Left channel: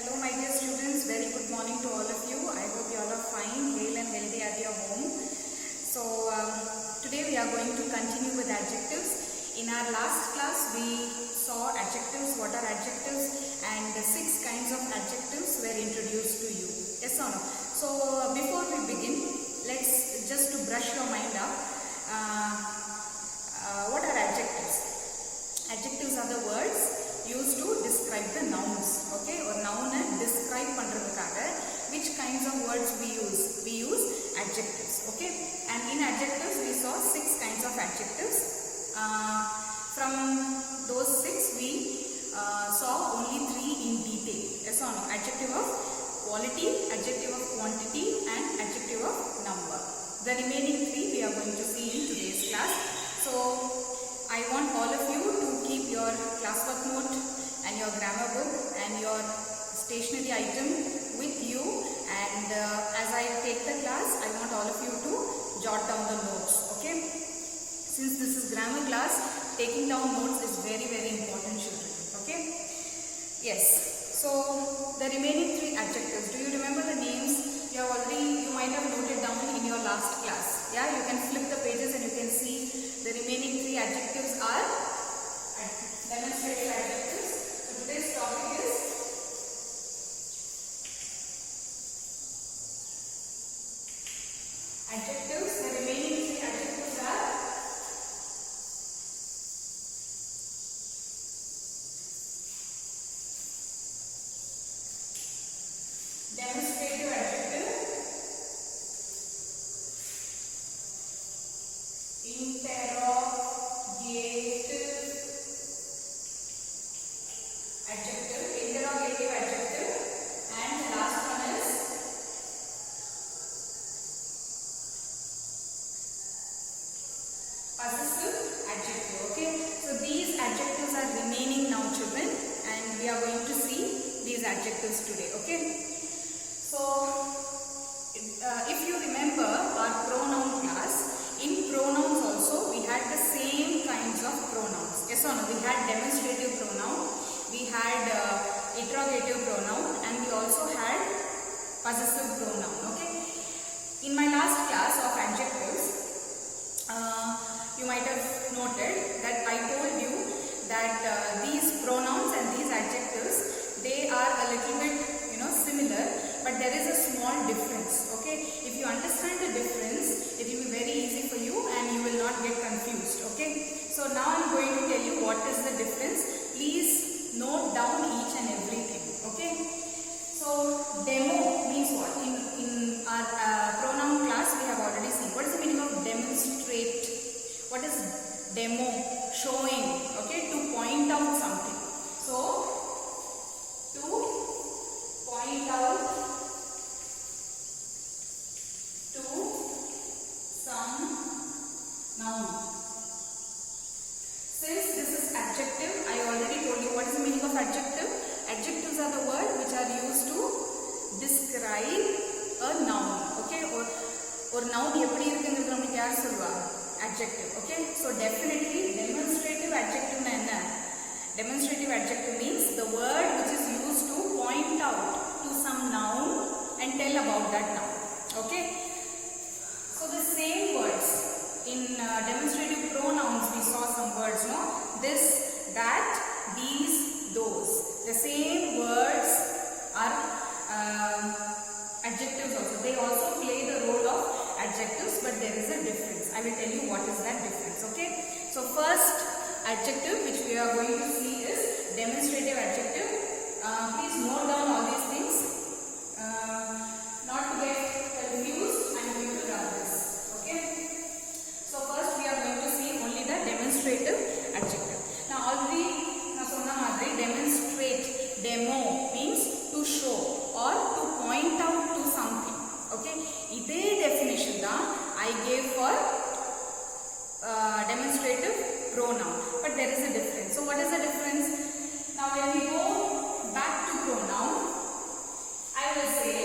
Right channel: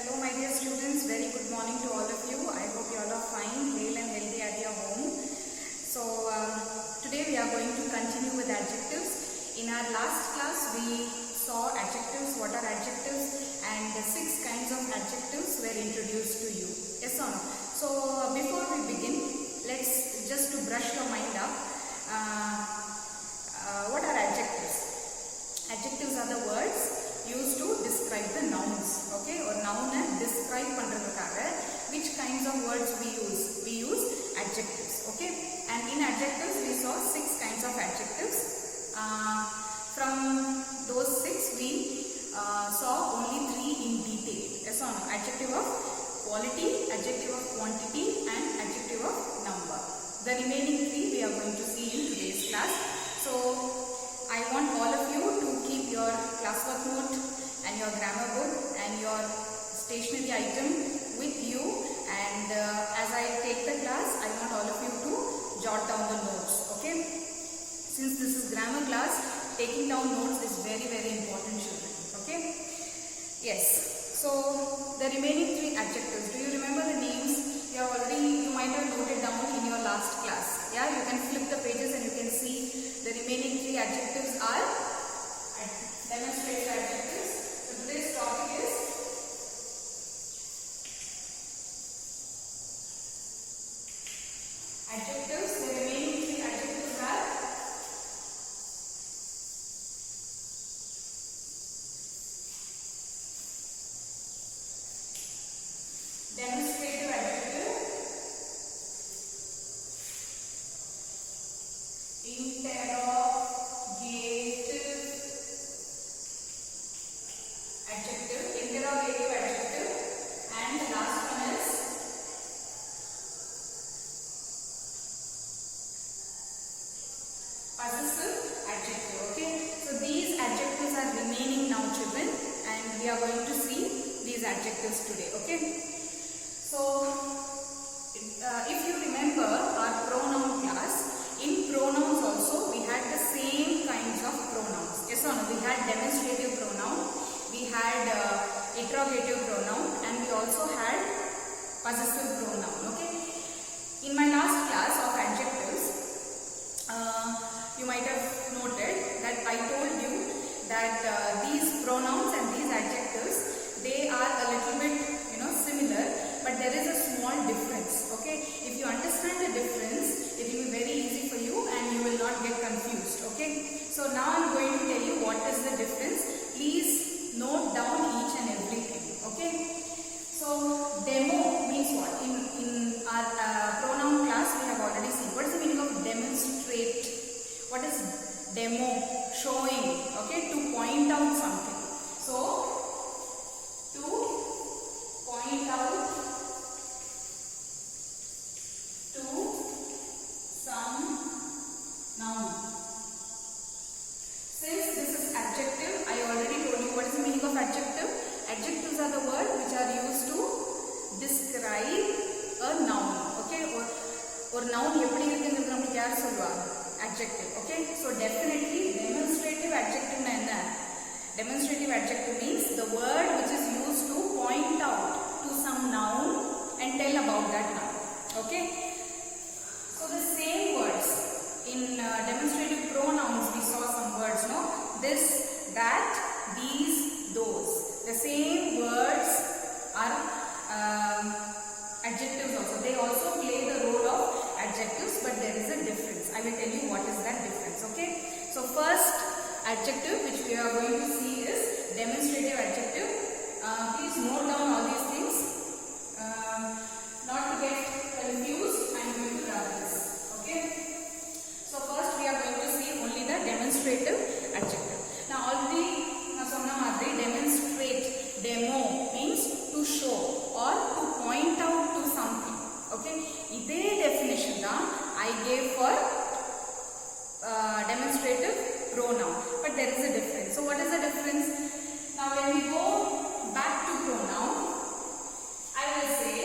Hello my dear students, very good morning to all of you. I hope you all are fine, hale and healthy at your home. So today we are going to continue with adjectives. In our last class we saw adjectives, what are adjectives, and 6 kinds of adjectives were introduced to you. Yes or no? So before we begin, let's just to brush your mind up. What are adjectives? Adjectives are the words used to describe the nouns, okay, or noun describe pandradhukaga which kinds of words we use adjectives, okay. And in adjectives we saw 6 kinds of adjectives. From those 6 we saw only 3 in detail. Yes or no? Adjective of quality, adjective of quantity, and adjective of number. The remaining 3 we are going to see in today's class. So I want all of you to keep your classwork note and your grammar book and your stationery item with you, and as I take the class, I want all of you to jot down the notes, okay? Since this is grammar class, taking down notes is very, very important, children, okay? Yes, so the remaining 3 adjectives, do you remember the names? You might have noted down in your last class. Yeah, you can flip the pages and you can see the remaining 3 adjectives are demonstrative adjectives. So today's topic is adjectives. The remaining 3 adjectives are demonstrative adjective, interrogative adjective, and the last one is possessive adjective, okay. So these adjectives are remaining now, children, and we are going to see these adjectives today, okay. So if you remember our pronoun class, in pronouns also we had the same kinds of pronouns. Yes or no? We had demonstrative pronoun, we had interrogative pronoun, and we also had possessive pronoun, okay. In my last class of adjectives, you might have noted that I told you that these pronouns and these adjectives, they are a little bit similar, but there is a small difference, okay. If you understand the difference, it will be very easy for you and you will not get confused, okay. So now I am going to tell you what is the difference. Please note down each and everything, okay. So demo means what? In our pronoun class we have already seen. What is the meaning of demonstrate? What is demo? Showing, okay, to point out something. So to point out to some noun. Since this is adjective, I already told you what is the meaning of adjective. Adjectives are the words which are used to describe a noun, okay. Or noun eppadi irukkuங்கிறது நமக்கு யார் சொல்வாங்க? Adjective, okay. So definitely demonstrative adjective na enna? Demonstrative adjective means the word which is used to point out to some noun and tell about that noun, okay. So the same words in demonstrative pronouns we saw some words, no? This, that, these, those. The same words are adjectives also. They also play the role of adjectives, but there is a difference. I will tell you what is that difference, okay. So first adjective which we are going to see is demonstrative adjective. Please note down all these things. Not to get confused, I am going to run this, okay. So first we are going to see only the demonstrative adjective. Now already na sonna madri demonstrate, demo means to show or to point out to something, okay. Ide definition da I gave for demonstrative pronoun, but there is a difference. So what is the difference? Now when we go back to pronoun, I will say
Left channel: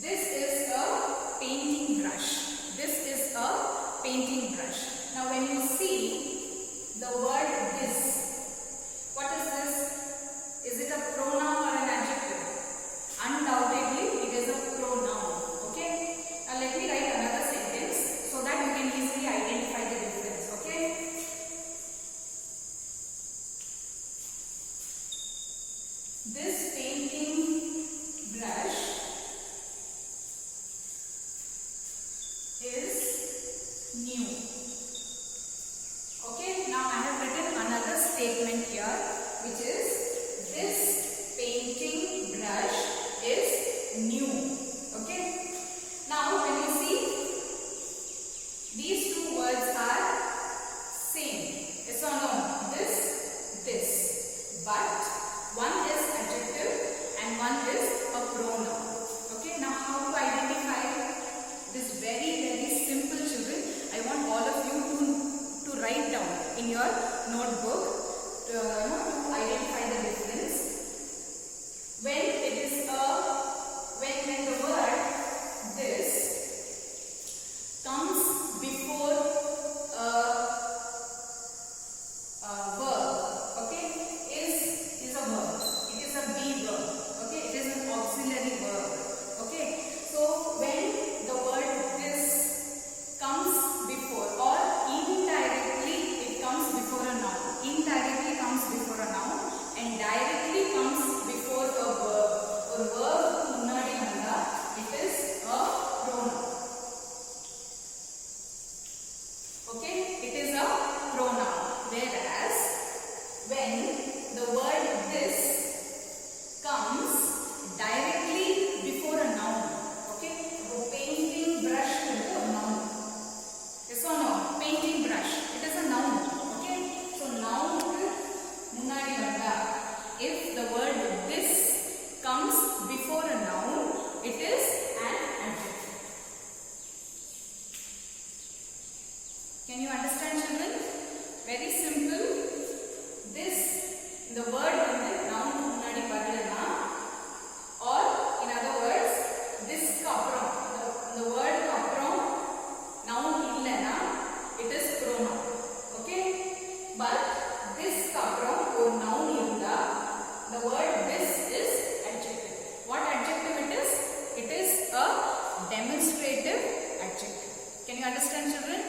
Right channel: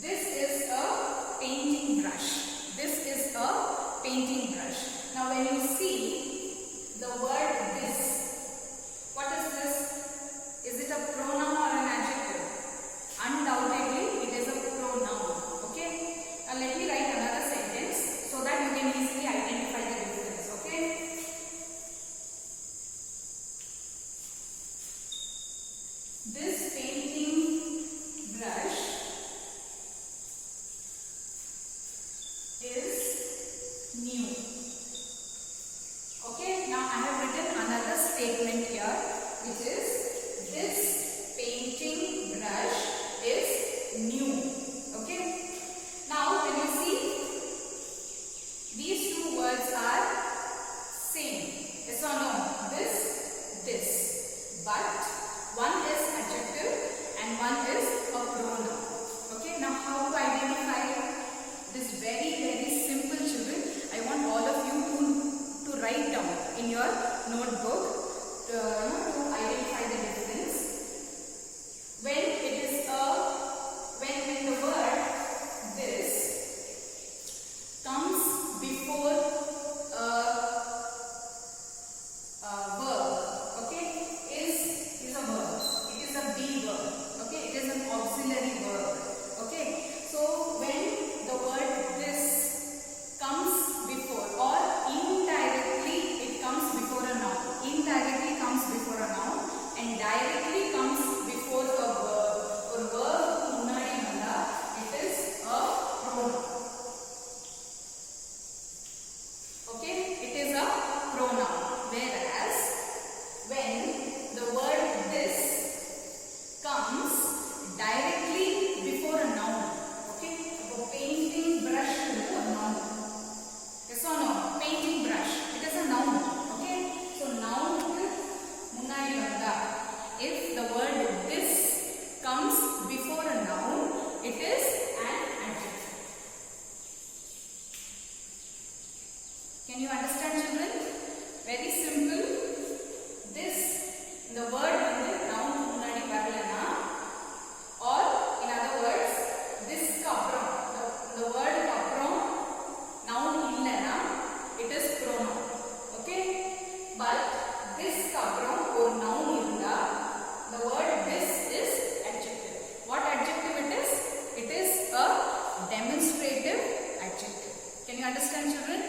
This is a painting brush. This is a painting brush. Now when you see the word this, what is this? Is it a pronoun or an adjective? Undoubtedly it is a pronoun. Okay. Now let me write another sentence so that you can easily identify the difference. Okay. This painting brush is new. Okay, now I have written another statement here, which is this painting brush is new. Okay, now when you see these two words are same, yes or no? This, but one is adjective and one is a pronoun. Okay, now how to identify? It is very simple, children. I want all of you to write down in your notebook to identify the difference. When it is when the word this comes before a verb, okay, is a verb. It is a be verb. Okay, it is an auxiliary verb. Okay, so when the word this comes before, or indirectly it comes before a noun. Indirectly comes before a noun and directly comes before a verb. Or verb munnadi vanda, it is a pronoun. Okay, it is a pronoun. Whereas when the word this comes directly before a noun, okay, the painting brush is a noun. Yes or no? Painting brush, it is a noun. Okay, so noun munnadi vanda. If the word this comes before a noun, it is an adjective. Can you understand, children? Very simple. This, the word noun munnadi varlana, or in other words, this kapram, the word kapram noun illana, it is pronoun. Okay, but this kapram or noun illa, the word this is adjective. What adjective it is? It is a demonstrative adjective. Can you understand, children?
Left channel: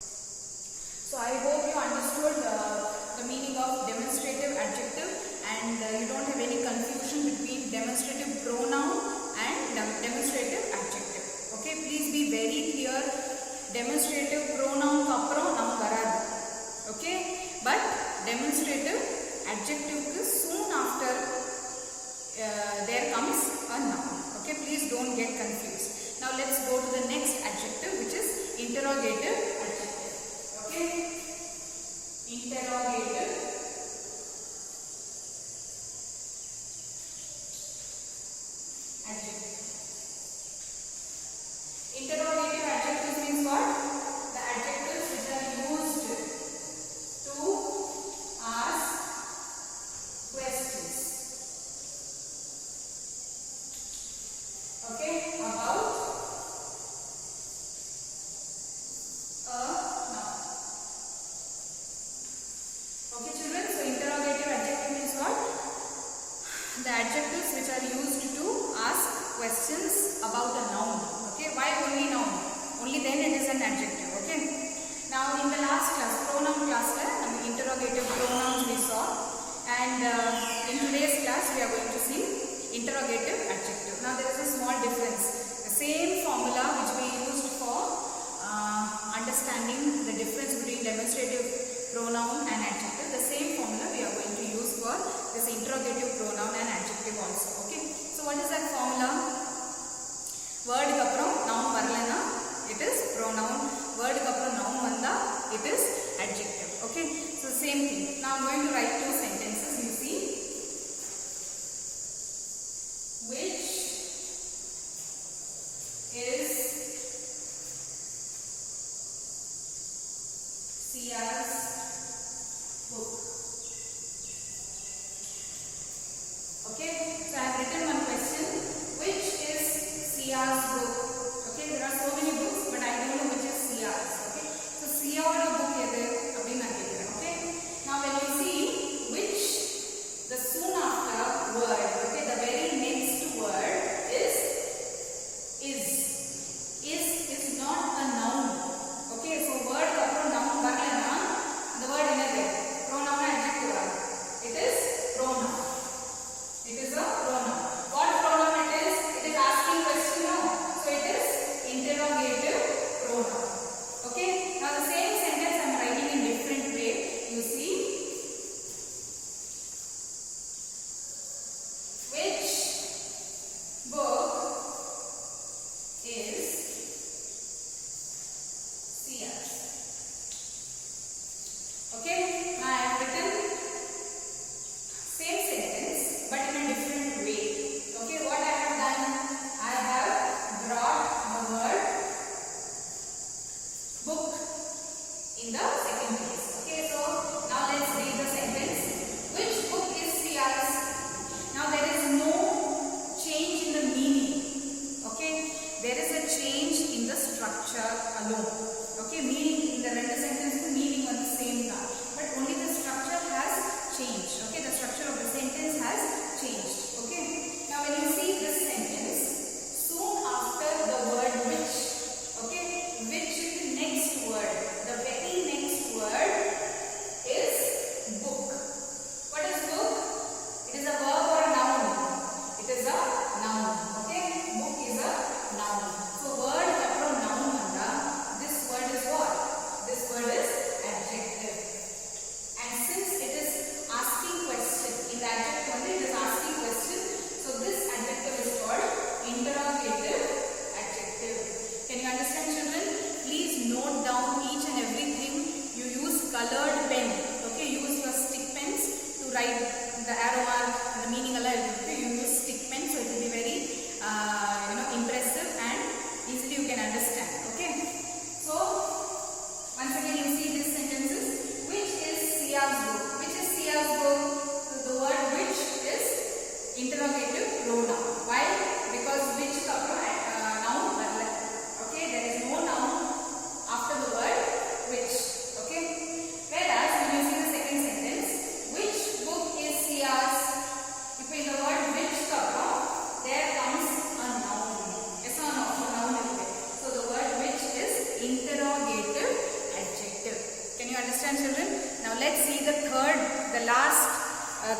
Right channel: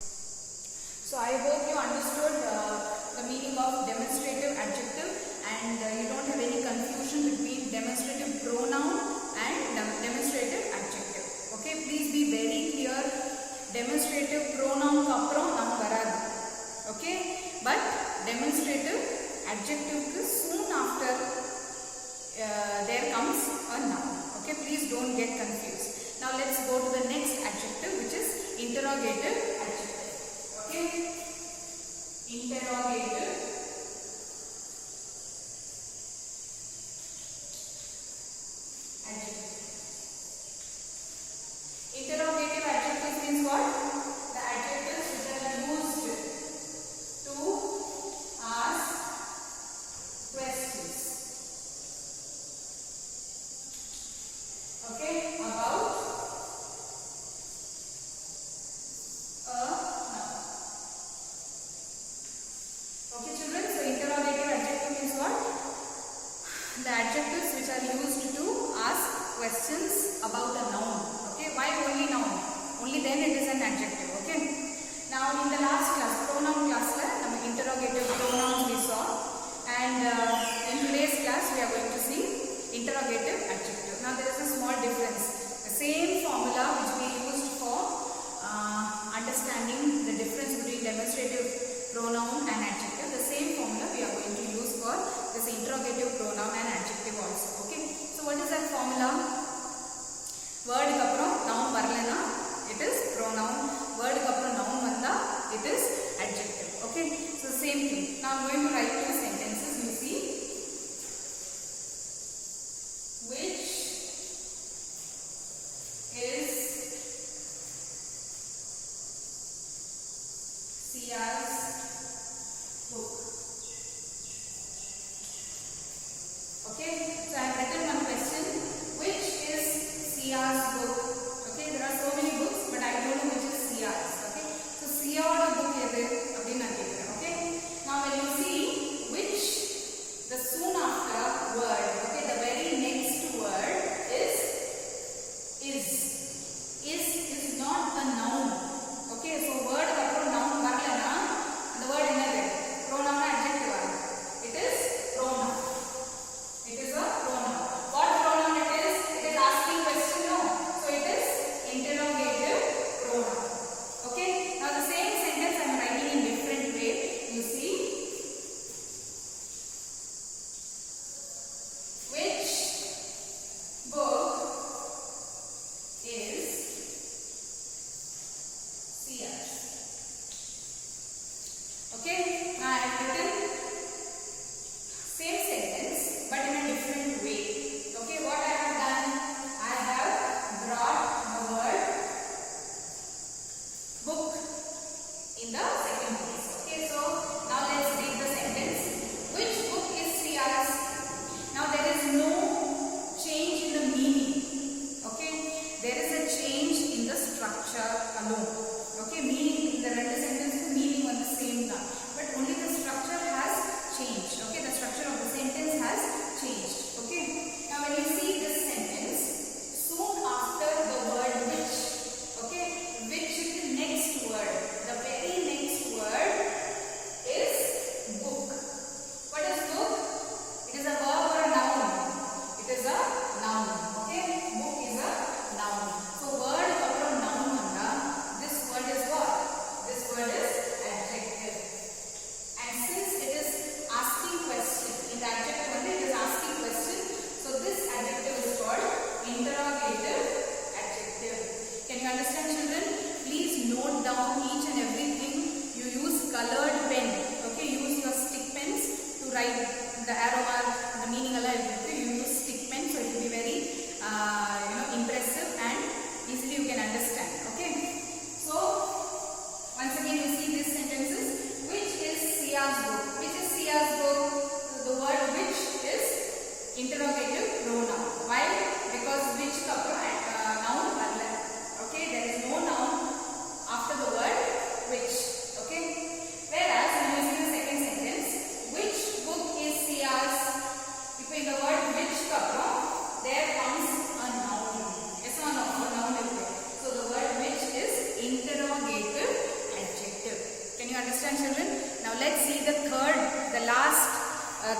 So I hope you understood the meaning of demonstrative adjective, and you don't have any confusion between demonstrative pronoun and demonstrative adjective. Okay, please be very clear. Demonstrative pronoun kapram nam varadu. Okay, but demonstrative adjective soon after there comes a noun. Okay, please don't get confused. Now let's go to the next adjective, which is interrogative adjective. Okay, interrogative adjective. Interrogative adjective means what? The adjectives which are used to ask questions. Okay, about a noun. Okay, children, so interrogative adjective means what? The adjectives which are used to ask questions about a noun. Okay, why only noun? Only then it is an adjective. Okay. Now in the last class, pronoun class, interrogative pronouns we saw, and in today's class we are going to see interrogative adjective. Now there is a small difference. The same formula which we used for understanding the difference between demonstrative pronoun and adjective, the same formula we are going to use for this interrogative pronoun and adjective also. Okay, so what is that formula? Word kapram noun varlana, it is pronoun. Word kapram noun vanda, it is adjective. Okay, so same thing. Now I am going to write two sentences. You see, which is Sia's write the arrow mark, the meaning alla you use stick pen, so it will be very impressive and easily you can understand. Okay, so once again you see these sentences. Which is Sia's book? Which is Sia's book? The word which is interrogative pronoun. Why? Because which noun. Okay, there is no noun after the word which. Okay, whereas when you see the second sentence, which book is Sia's? If in the word which there comes a noun. Yes or no? A noun is there. So the word which is interrogative adjective. Can you understand, children? Now let's see the third, the last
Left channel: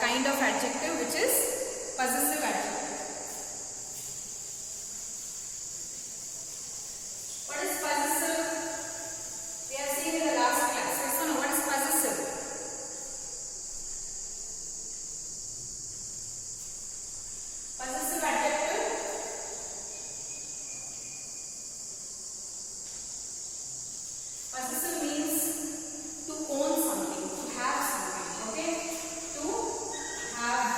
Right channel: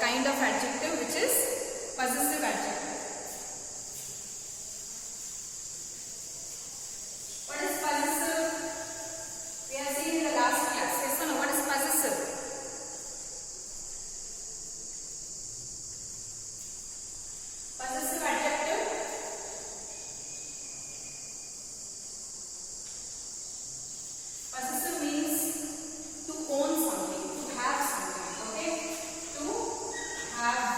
kind of adjective, which is possessive adjective. What is possessive? We have seen in the last class. Yes or no? What is possessive? Possessive adjective. Possessive means to own something, to have something. Okay, to have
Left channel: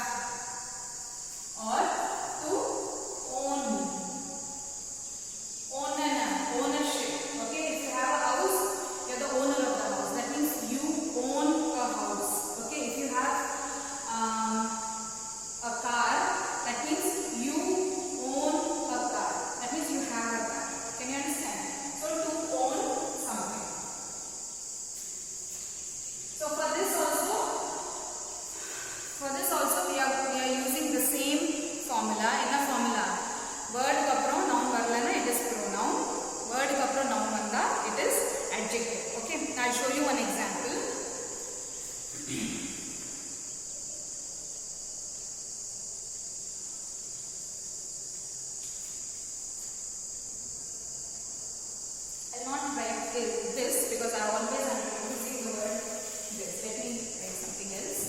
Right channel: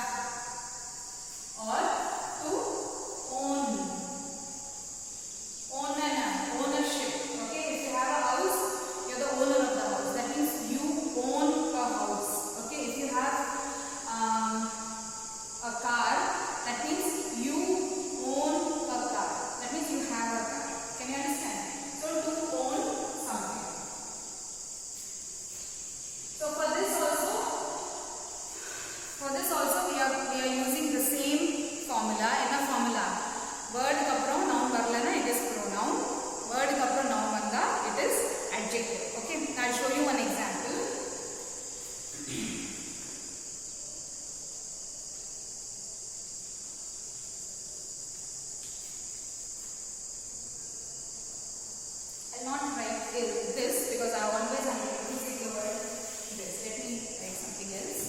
or to own. Ownership. Okay, if you have a house, you are the owner of the house. That means you own a house. Okay, if you have a car, that means you own a car. That means you have a car. Can you understand? So to own something. So for this also we are using the same formula. Enna formula? Word ku appuram noun varalana, it is pronoun. Word ku appuram noun vanda, it is adjective. Okay, I'll show you one example. I'll not write this because I always am using the word this. Let me write something else.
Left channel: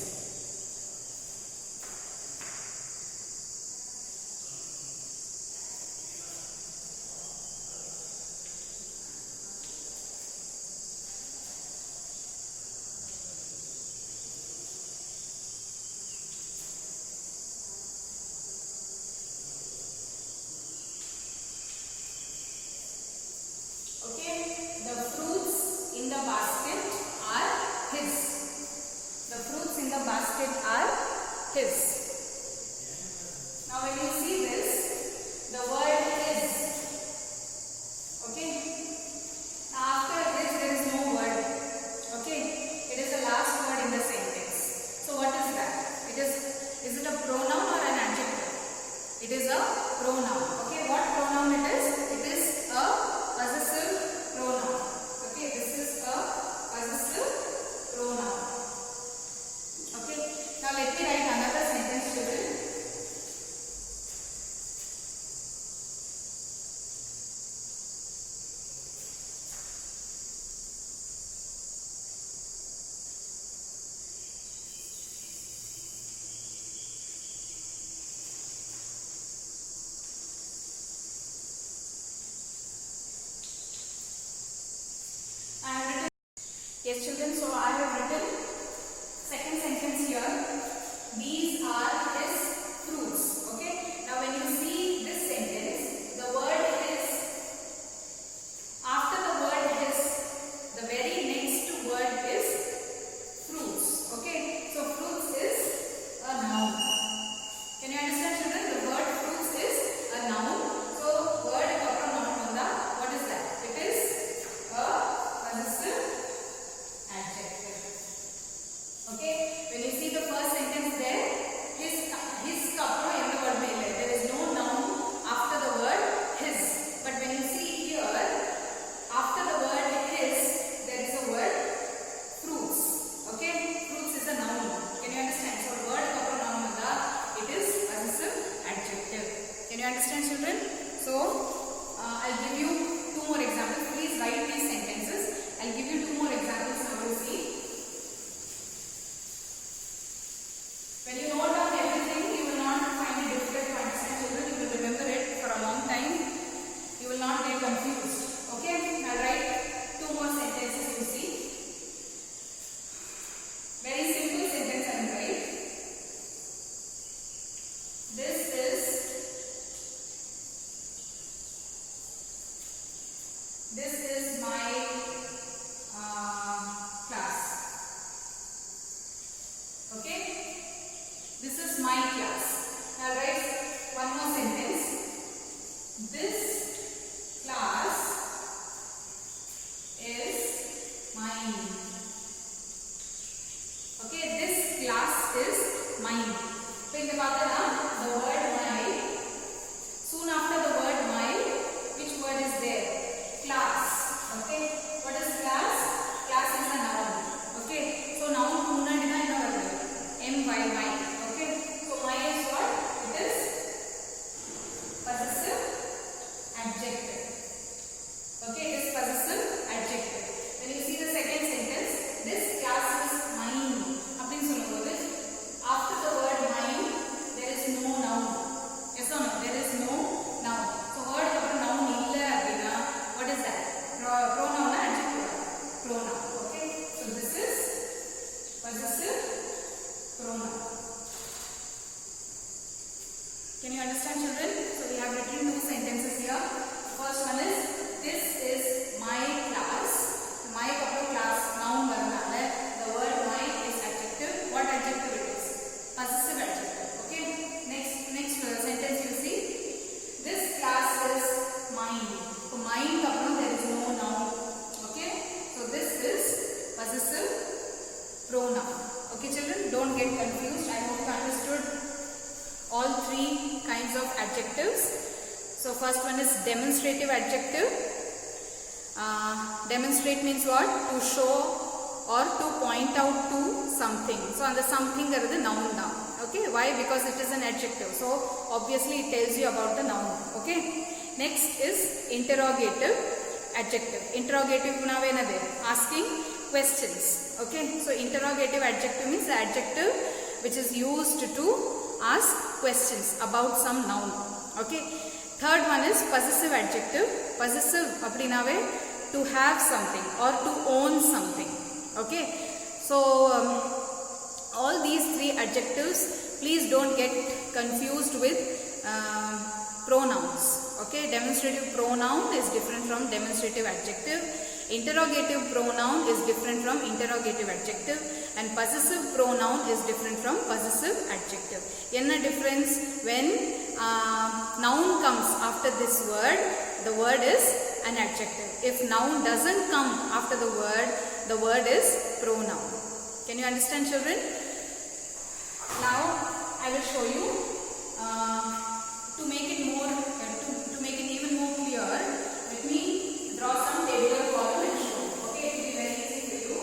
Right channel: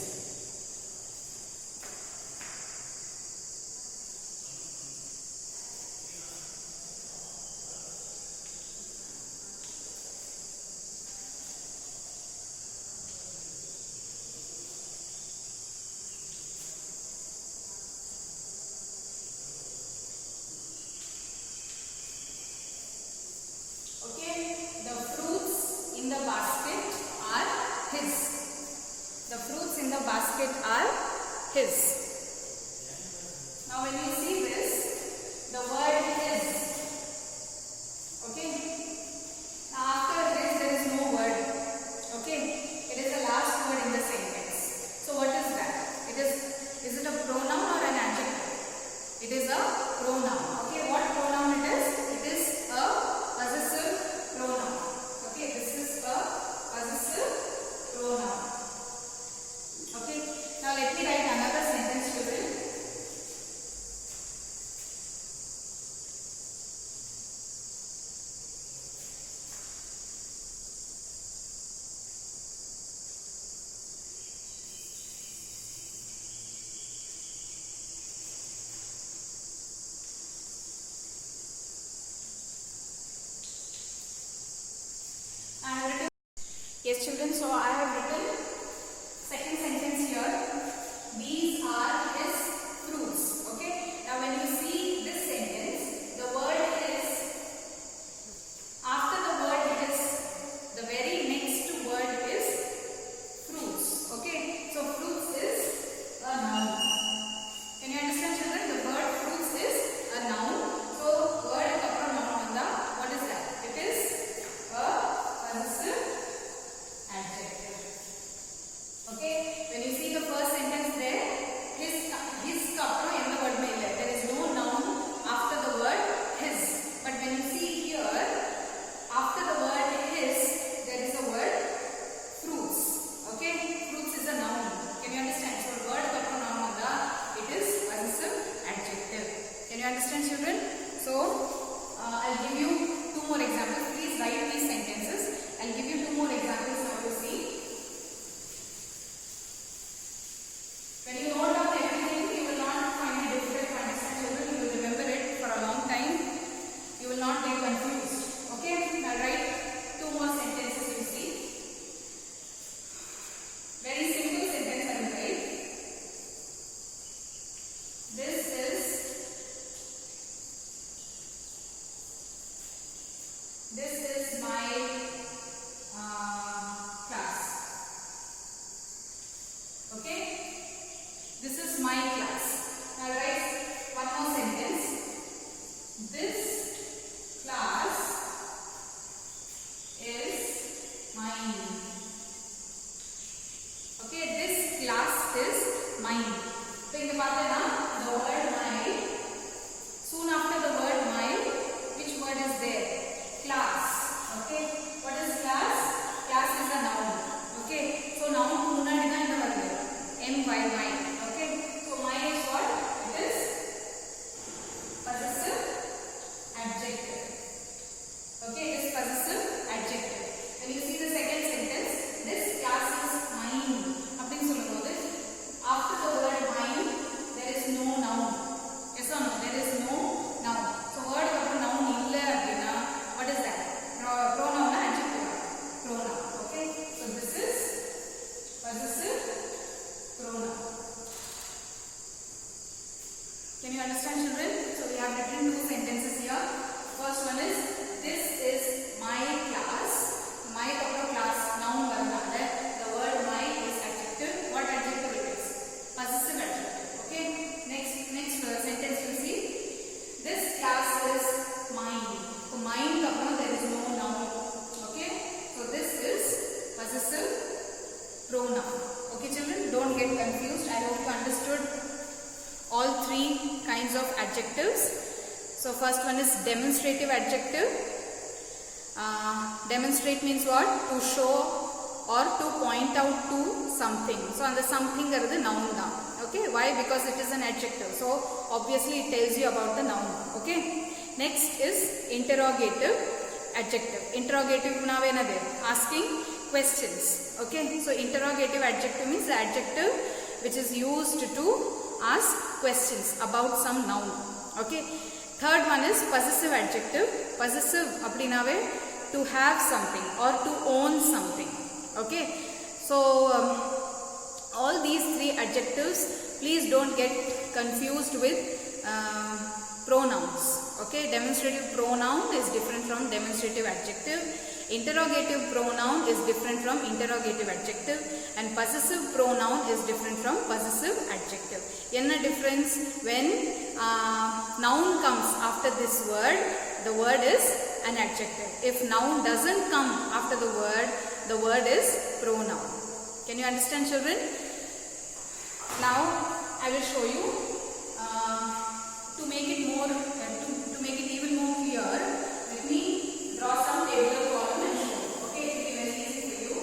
Okay, the fruits in the basket are his. The fruits in the basket are his. Now when you see this, the word his. Okay, now after his there is no word. Okay, it is the last word in the sentence. So what is that? Is it a pronoun or an adjective? It is a pronoun. Okay, what pronoun it is? It is a possessive pronoun. Okay, this is a possessive pronoun. Okay, now let me write another sentence, children. Yes, children, so I have written second sentence here. These are his fruits. Okay, now when you see this sentence, the word is, after the word is, the very next word is fruits. Okay, so fruits is a noun. Can you understand, children? The word fruits is a noun. So word noun, what is that? It is a possessive adjective. Okay, when you see the first sentence there, his word there is no noun after the word his. But when you see here, after the word his, there is a word fruits. Okay, fruits is a noun. Can you understand? So word noun it is possessive adjective. Can you understand, children? So I'll give you two more examples. Please write these sentences. I'll give you two more examples now to see. When you note down everything, you will not find it difficult to understand, children. You will remember it for a long time. You will not get confused. Okay, I'll write two more sentences, you see. Very simple sentence I will write. Okay? This is my class. Now write one more sentence. This class is mine. Okay, this class is mine. So in the word mine. Soon after the word mine, which word is there? Class. Okay. What is class? Class is a noun. Okay. So noun munadina in the word my. Okay. So my is what? It is possessive adjective. Okay. It is possessive adjective. When you see the second sentence, this class is mine. After the word mine, there is no noun. Yes or no? There is no noun. So word after noun illa abina. What is that? Pronoun or adjective? Pronoun. Okay. So this is possessive pronoun. Can you understand, children? So we have written two sentences here. First one is, this is my class. My class noun varnala. The word my is adjective. What adjective it is? Possessive adjective. Okay. Next sentence you see. This class is mine. So mine there is no noun. Okay. So this is possessive pronoun. Okay, children. Don't get confused. I hope you understood all three kinds of adjectives. So first one is demonstrative adjective. Demonstrate means what? To show or to point out to something. So and the something is the noun da. Okay, why? Because it is an adjective. So obviously it tells you about the noun. Okay. Next is interrogative adjective. Interrogative asking questions. Okay. So interrogative adjective means the adjective which is used to ask questions about some noun. Okay. Third one is possessive adjective. Possessive apdinave to have something or to own something. Okay. So all these three adjectives, please don't get confused with pronouns. Okay. Demonstrative pronoun is different from demonstrative adjective. Interrogative pronoun is different from interrogative adjective, and possessive pronoun is different from possessive adjective. Enna difference? When noun comes after this word, the word is an adjective. If noun doesn't come after the word is pronoun. Can you understand, children? Now I will show you to make it more to make it even more clear. Let me draw some tabular column and show. Okay, it will be very easy for you.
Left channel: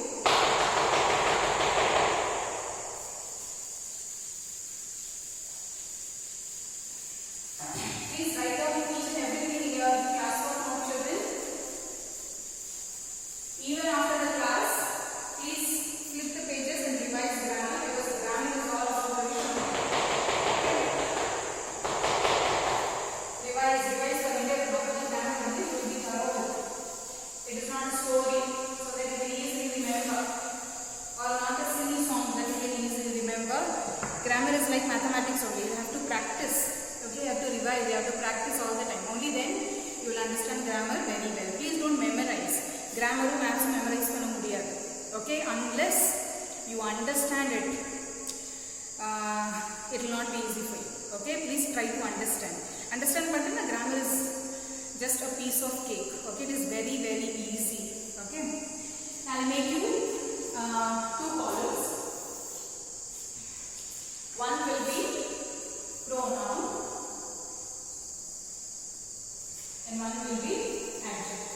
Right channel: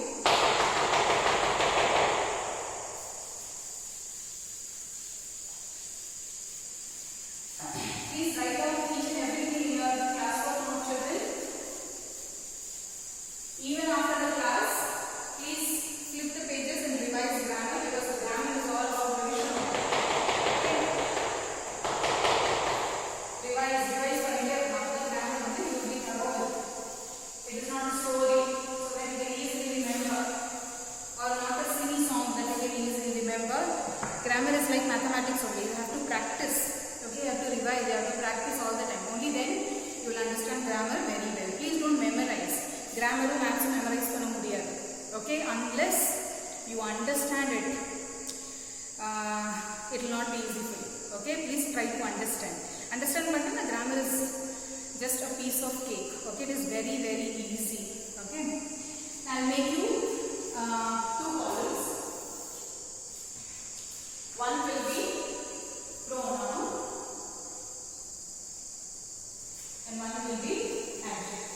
Please write down each and everything in your classwork note, children. Even after the class, please flip the pages and revise grammar, because the grammar is all about revision. Revise for India, the grammar you will be thorough with. It is not a story, so that you can easily remember, or not a silly song that you can easily remember. Grammar is like mathematics only. You have to practice. Okay, you have to revise. You have to practice all the time. Only then you will understand grammar very well. Please don't memorize. Grammar or maths memorize panna mudiyadu. Okay, unless you understand it, it will not be easy for you. Okay, please try to understand. Understand, but the grammar is just a piece of cake. Okay, it is very, very easy. Okay, I'll make you two columns. One will be pronoun and one will be adjective.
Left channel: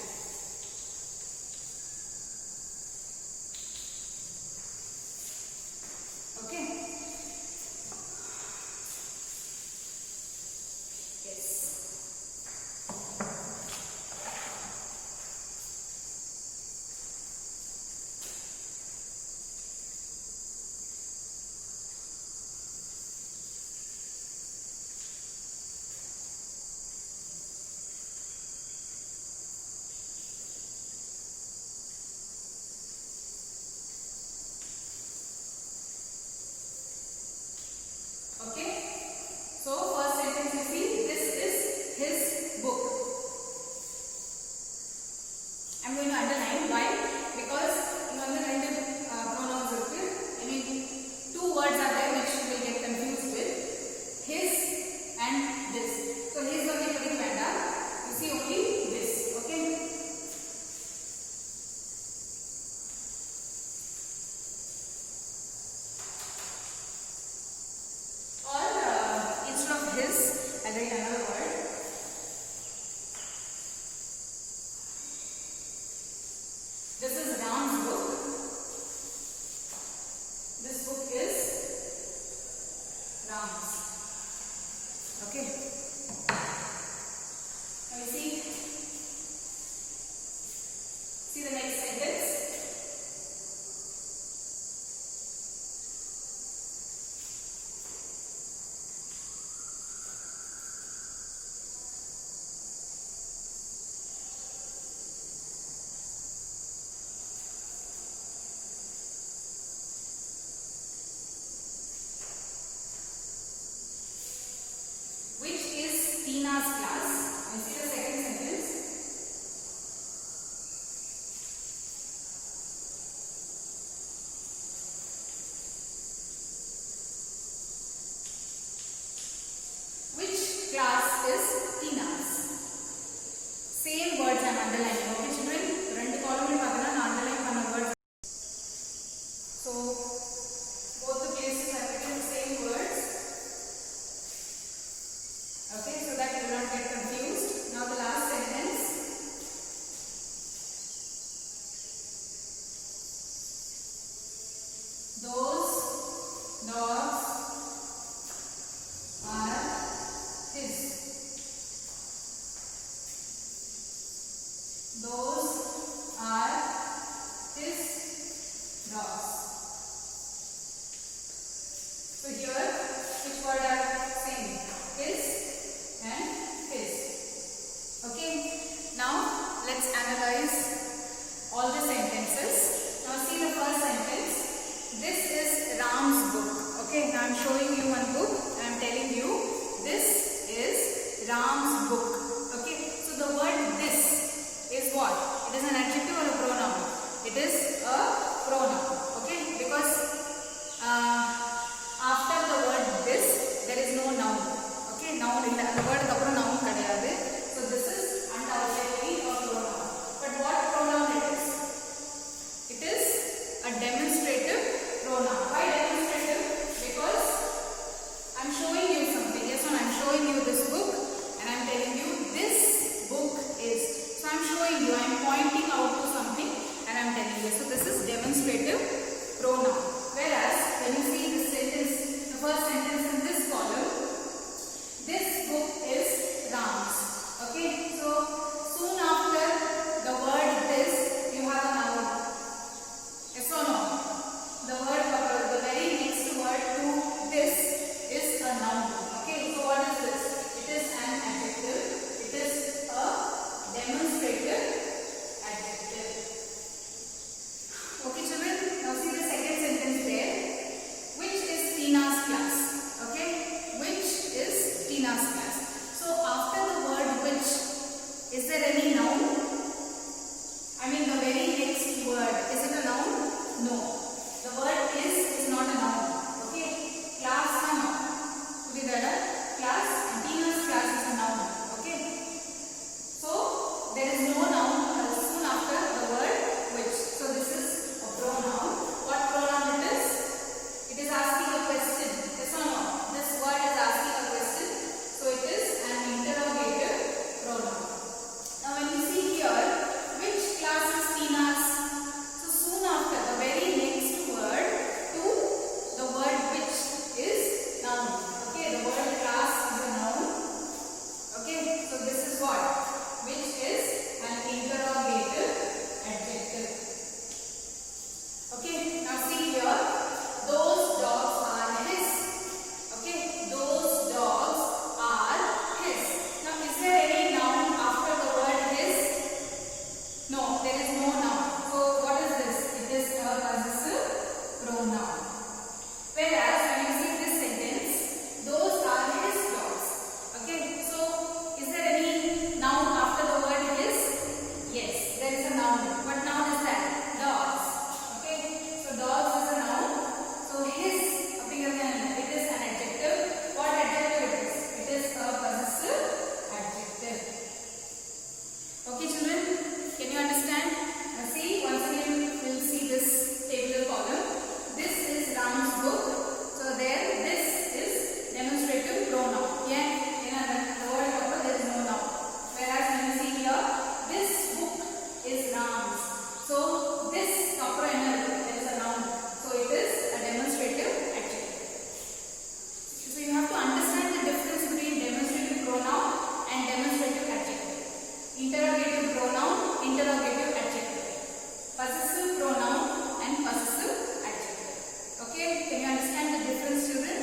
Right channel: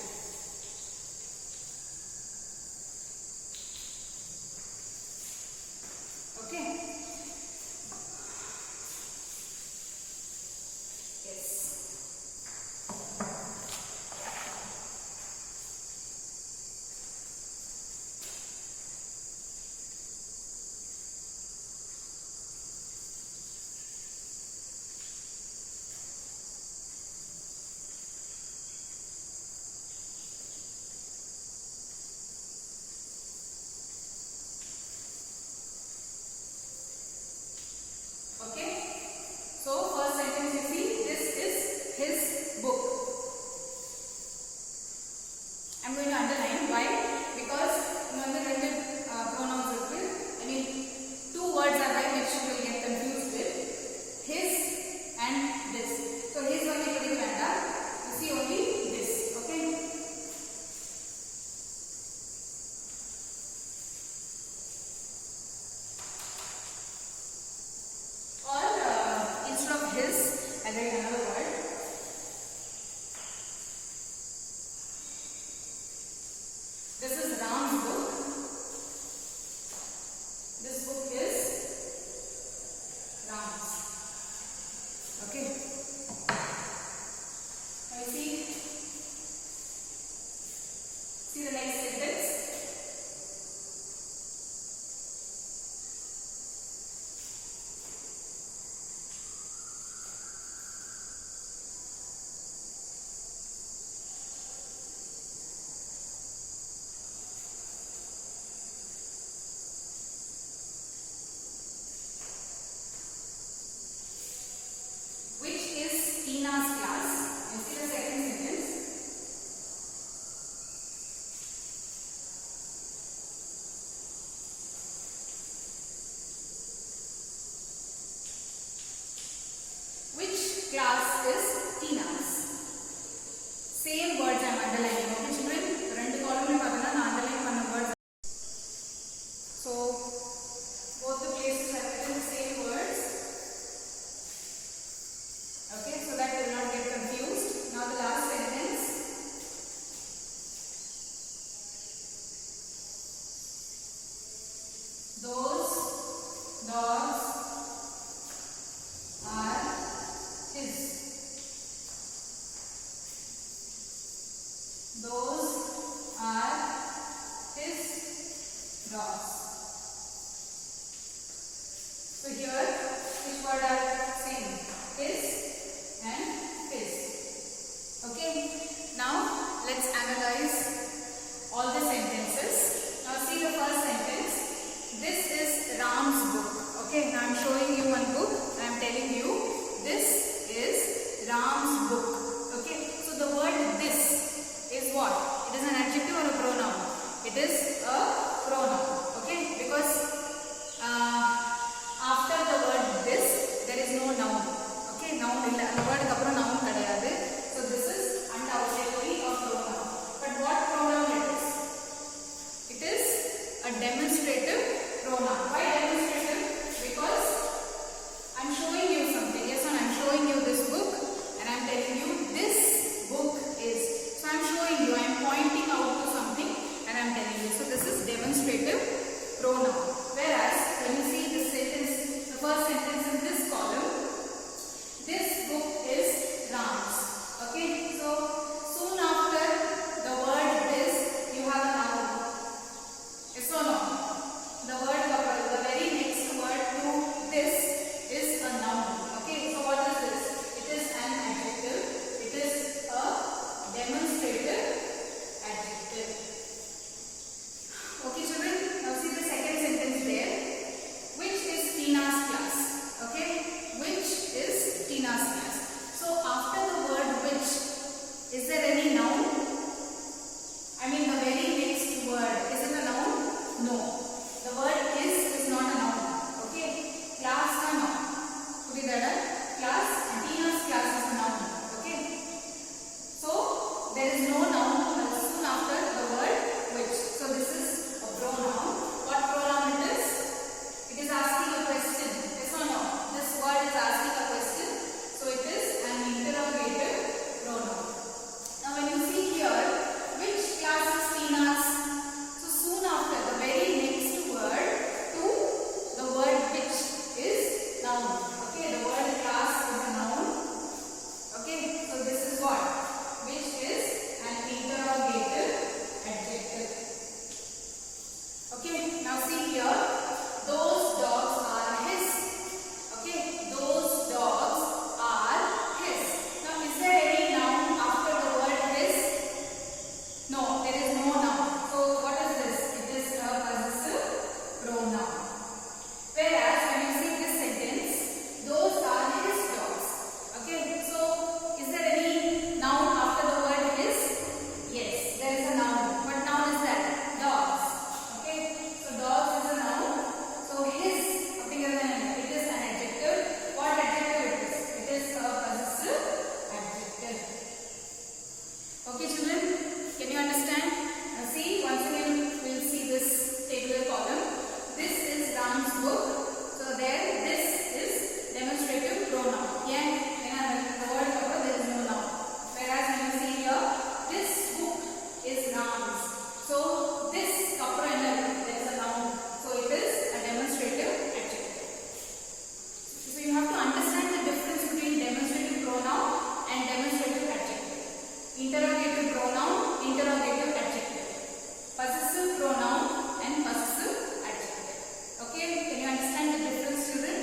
Okay. Yes. underlining. Okay children, ரெண்டு column பார்த்தீங்கன்னா நான் underline பண்ண words. So both the places have written the same words. Okay, so that you will not get confused. Now the last sentence. Those dogs are his. Those are his dogs. So here, which word are same? His and his. Okay. Now let's analyze all the sentences. Now see the first sentence. This is Ram's book. Okay. Now I'm showing you one book. I am telling you this is Ram's book. Okay. So the word this is what? It is an adjective or a pronoun? It is a pronoun. Okay. Because after the word this there is no noun. Okay. Noun illa. The word kapra noun kadayadu. So this is undoubtedly a pronoun. But what pronoun it is? It is a demonstrative pronoun. Why demonstrative? Because I'm showing you something. Yes, and I'm showing you this book and I'm telling you this book is. So I'm showing you, I'm pointing out to something and I'm telling you. So this is demonstrative pronoun. Whereas when you see this sentence, the first sentence in this column, this book is Ram's. Okay, so soon after the word this, you have a noun. Yes or no? The word, the very next word to this is a noun. Okay, so what is this? It is an adjective. It is a demonstrative adjective. Okay children, now see the second sentence there. Which is Tina's class? Okay, which is Tina's class? So after the word which, is there any noun? I mean the very next word, is it a noun? No. The word is not a noun. Okay, class is a noun. Class and Tina's class is a noun. Okay, so there is no noun soon after the word which. So this is a pronoun. What pronoun it is? It is asking a question. Yes or no? This word is asking a question. So it is an interrogative pronoun. Now when you see here, which class is Tina's? So soon after the very next word to the word which is noun. Okay, the word class is a noun. Okay, so this is what? Which is an interrogative adjective. Okay, now see here, those dogs are his. Okay, those dogs are his. Now is there any noun after the word his? No, there is no noun. So what is this? It is a possessive pronoun. Whereas when you see this sentence, those are his dogs. Okay, so is there any noun after the word his? Yes, there is a noun. What noun is that? Dogs. Okay, so dogs is a noun. So his, it is an adjective. What adjective it is? It is a possessive adjective. Okay children, can you understand? Now see, once again we will see this tabular column. This is Ram's book. So there, this is demonstrative pronoun. Yeah, the word cover there is no noun. Whereas when you see here, this book is Ram's. So this cover there is a noun. So it is a demonstrative adjective. So you have to understand the difference between demonstrative pronoun and demonstrative adjective. Interrogative pronoun, interrogative adjective. Possessive pronoun and possessive adjective. Okay, can you understand the difference children?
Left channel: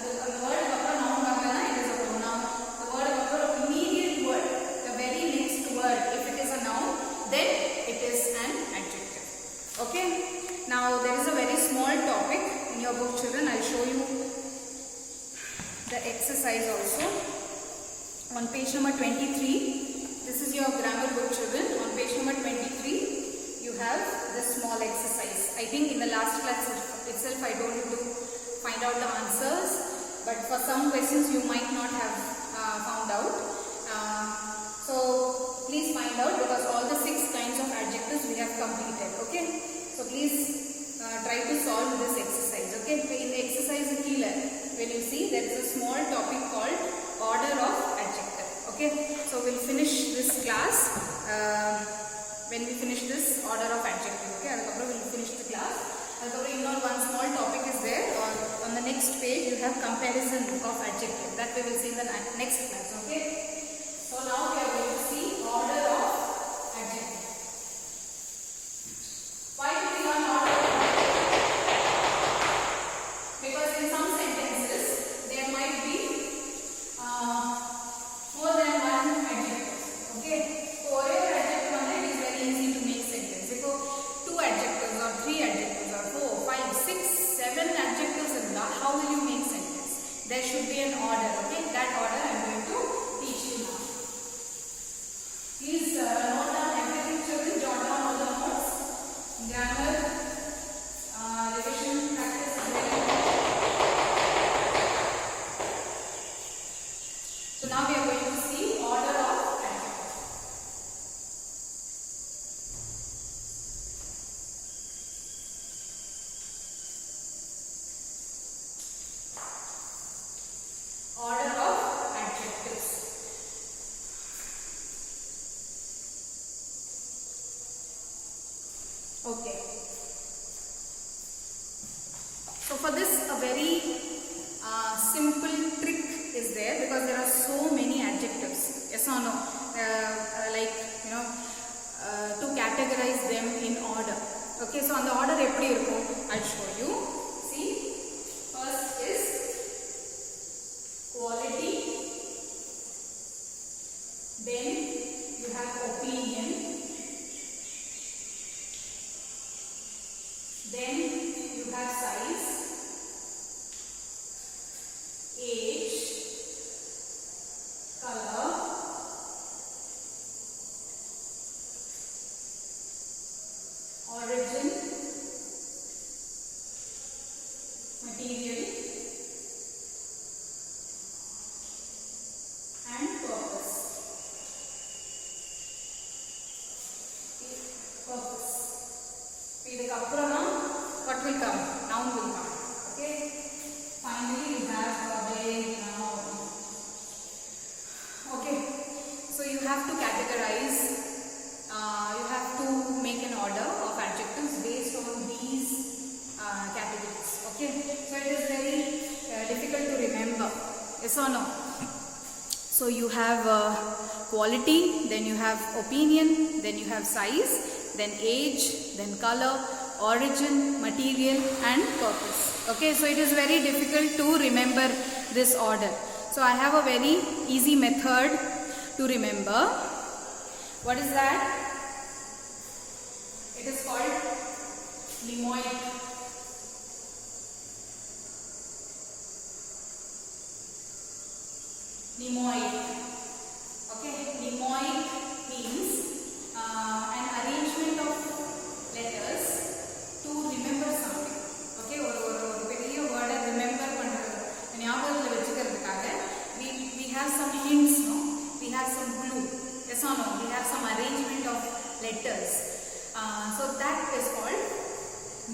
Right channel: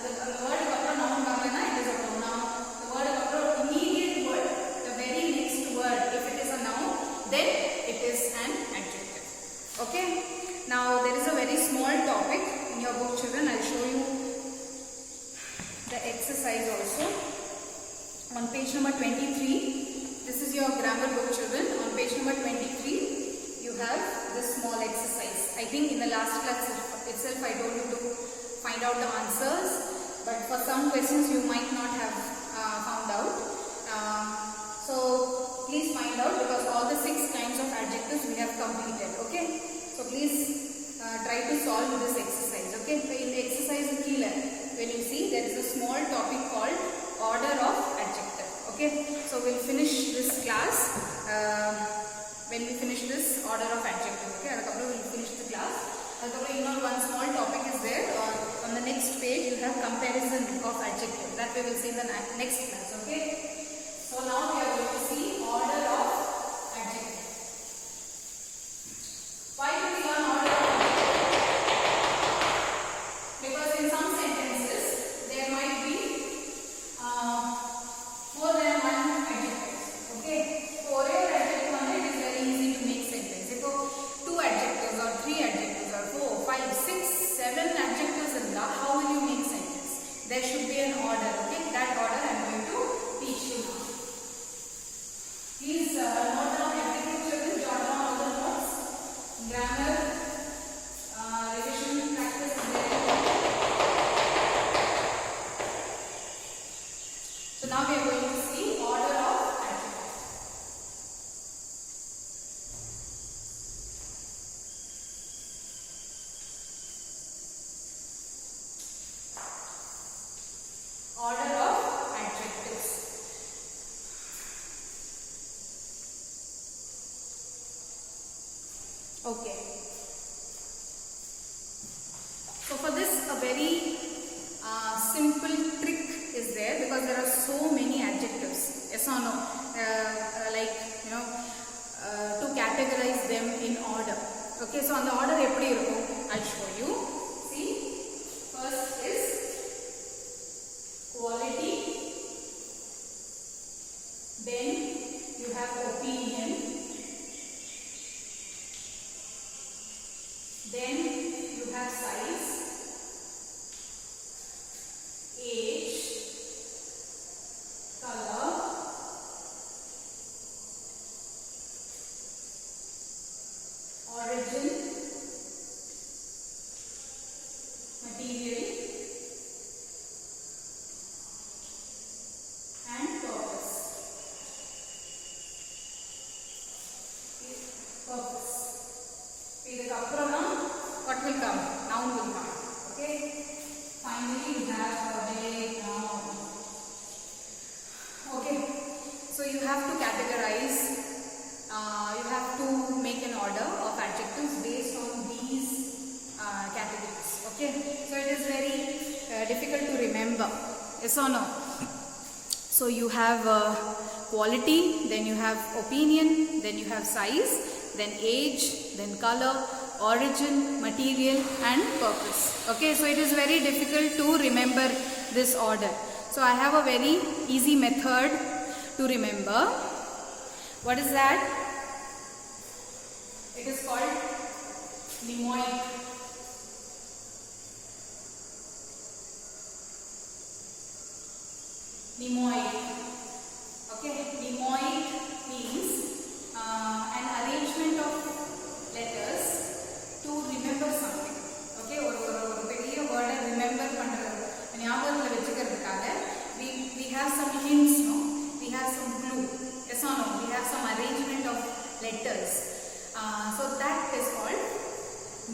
The word noun it is a pronoun. The word immediate word, the very next word, if it is a noun, then it is an adjective. Okay, now there is a very small topic in your book children. I will show you the exercise also. On page number 23, this is your grammar book children. On page number 23, you have this small exercise. I think in the last class itself I told you to find out the answers, but for some questions you might not have found out. So So please find out, because all the 6 kinds of adjectives we have completed. Okay. So please try to solve this exercise. Okay. So in the exercise killer, when you see, there is a small topic called order of adjective. Okay. So we'll finish this class when we finish this order of adjective. Okay. We'll finish the class. One small topic is there. On the next page you have comparison of adjective. That we will see in the next class. Okay. So now we are going to see order of adjective. Why do we learn order of adjective? Because in some sentences there might be more than one adjective. Okay. So one adjective it is very easy to make sentence. If 2 adjectives or 3 adjectives or 4, 5, 6, 7 adjectives in the, how will you make sentence? There should be an order. Okay. That order I am going to teach you now. Please note down everything, children. Jot down all the notes. Grammar, revision practice is very important. So now we are going to see order of adjectives. Order of adjectives. Okay. So for this, a very simple trick is there, because there are so many adjectives. Yes or no? To categorize them in order. Okay. So on the order, I'll show you. See, first is quality. Then you have opinion. Then you have size, age, color, origin, material, and purpose. What will come? Noun will come. Okay. Finally, you have a noun. Okay. So you have to categorize. You have to make an order of adjectives based on these categories. Okay. So it is very difficult to remember. Yes or no? So you have quality, then you have opinion, then you have size, then age, then color, origin, material, and purpose. Okay, so it is very difficult to remember this order. So I have a very easy method to remember. What is that? It is called mnemoic. Mnemoic. Okay, mnemoic means an arrangement of letters to remember something. Okay, ஒரு பெரிய word remember பண்றது ஞாபகத்துல வெச்சுக்கிறதுக்காக we have some hints, no? We have some clue. Yes or no? We have some arrangement of letters. So that is called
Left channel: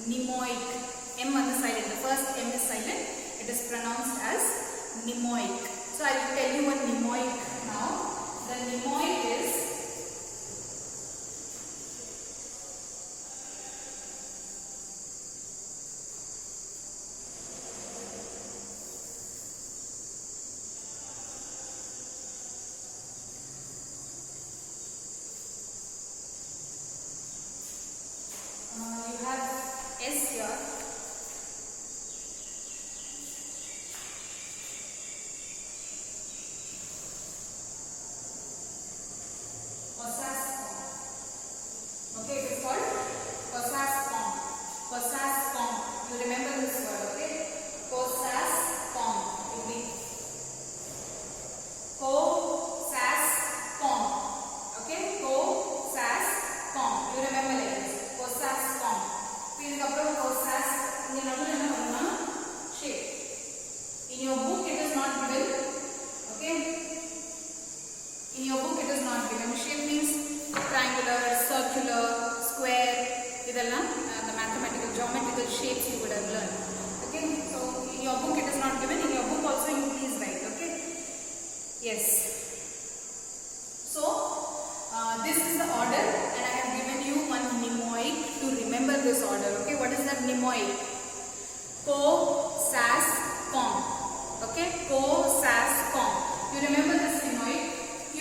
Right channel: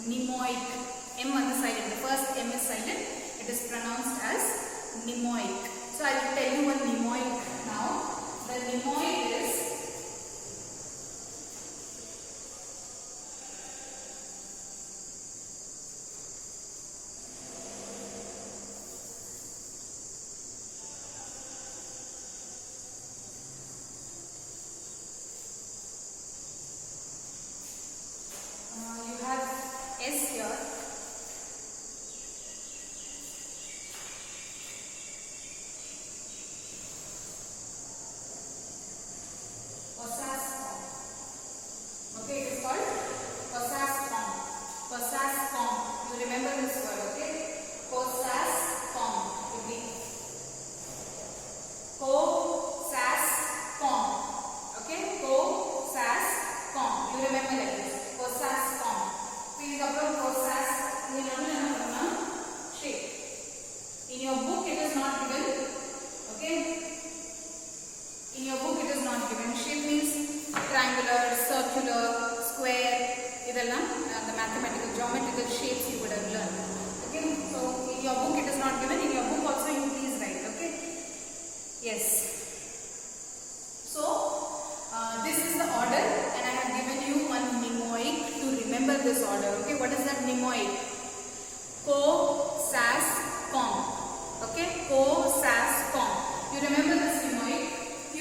mnemoic. M on the silent. The first M is silent. It is pronounced as mnemoic. So I will tell you what mnemoic now. The mnemoic is you have S here. mathematical, geometrical shapes you would have learned. Okay, so in your book it is not given. In your book also you please write. Okay. Yes. So this is the order, and I have given you one mnemoic to remember this order. Okay, what is that mnemoic? Co, sas, com. Okay, co, sas, com. You remember this mnemoic? Q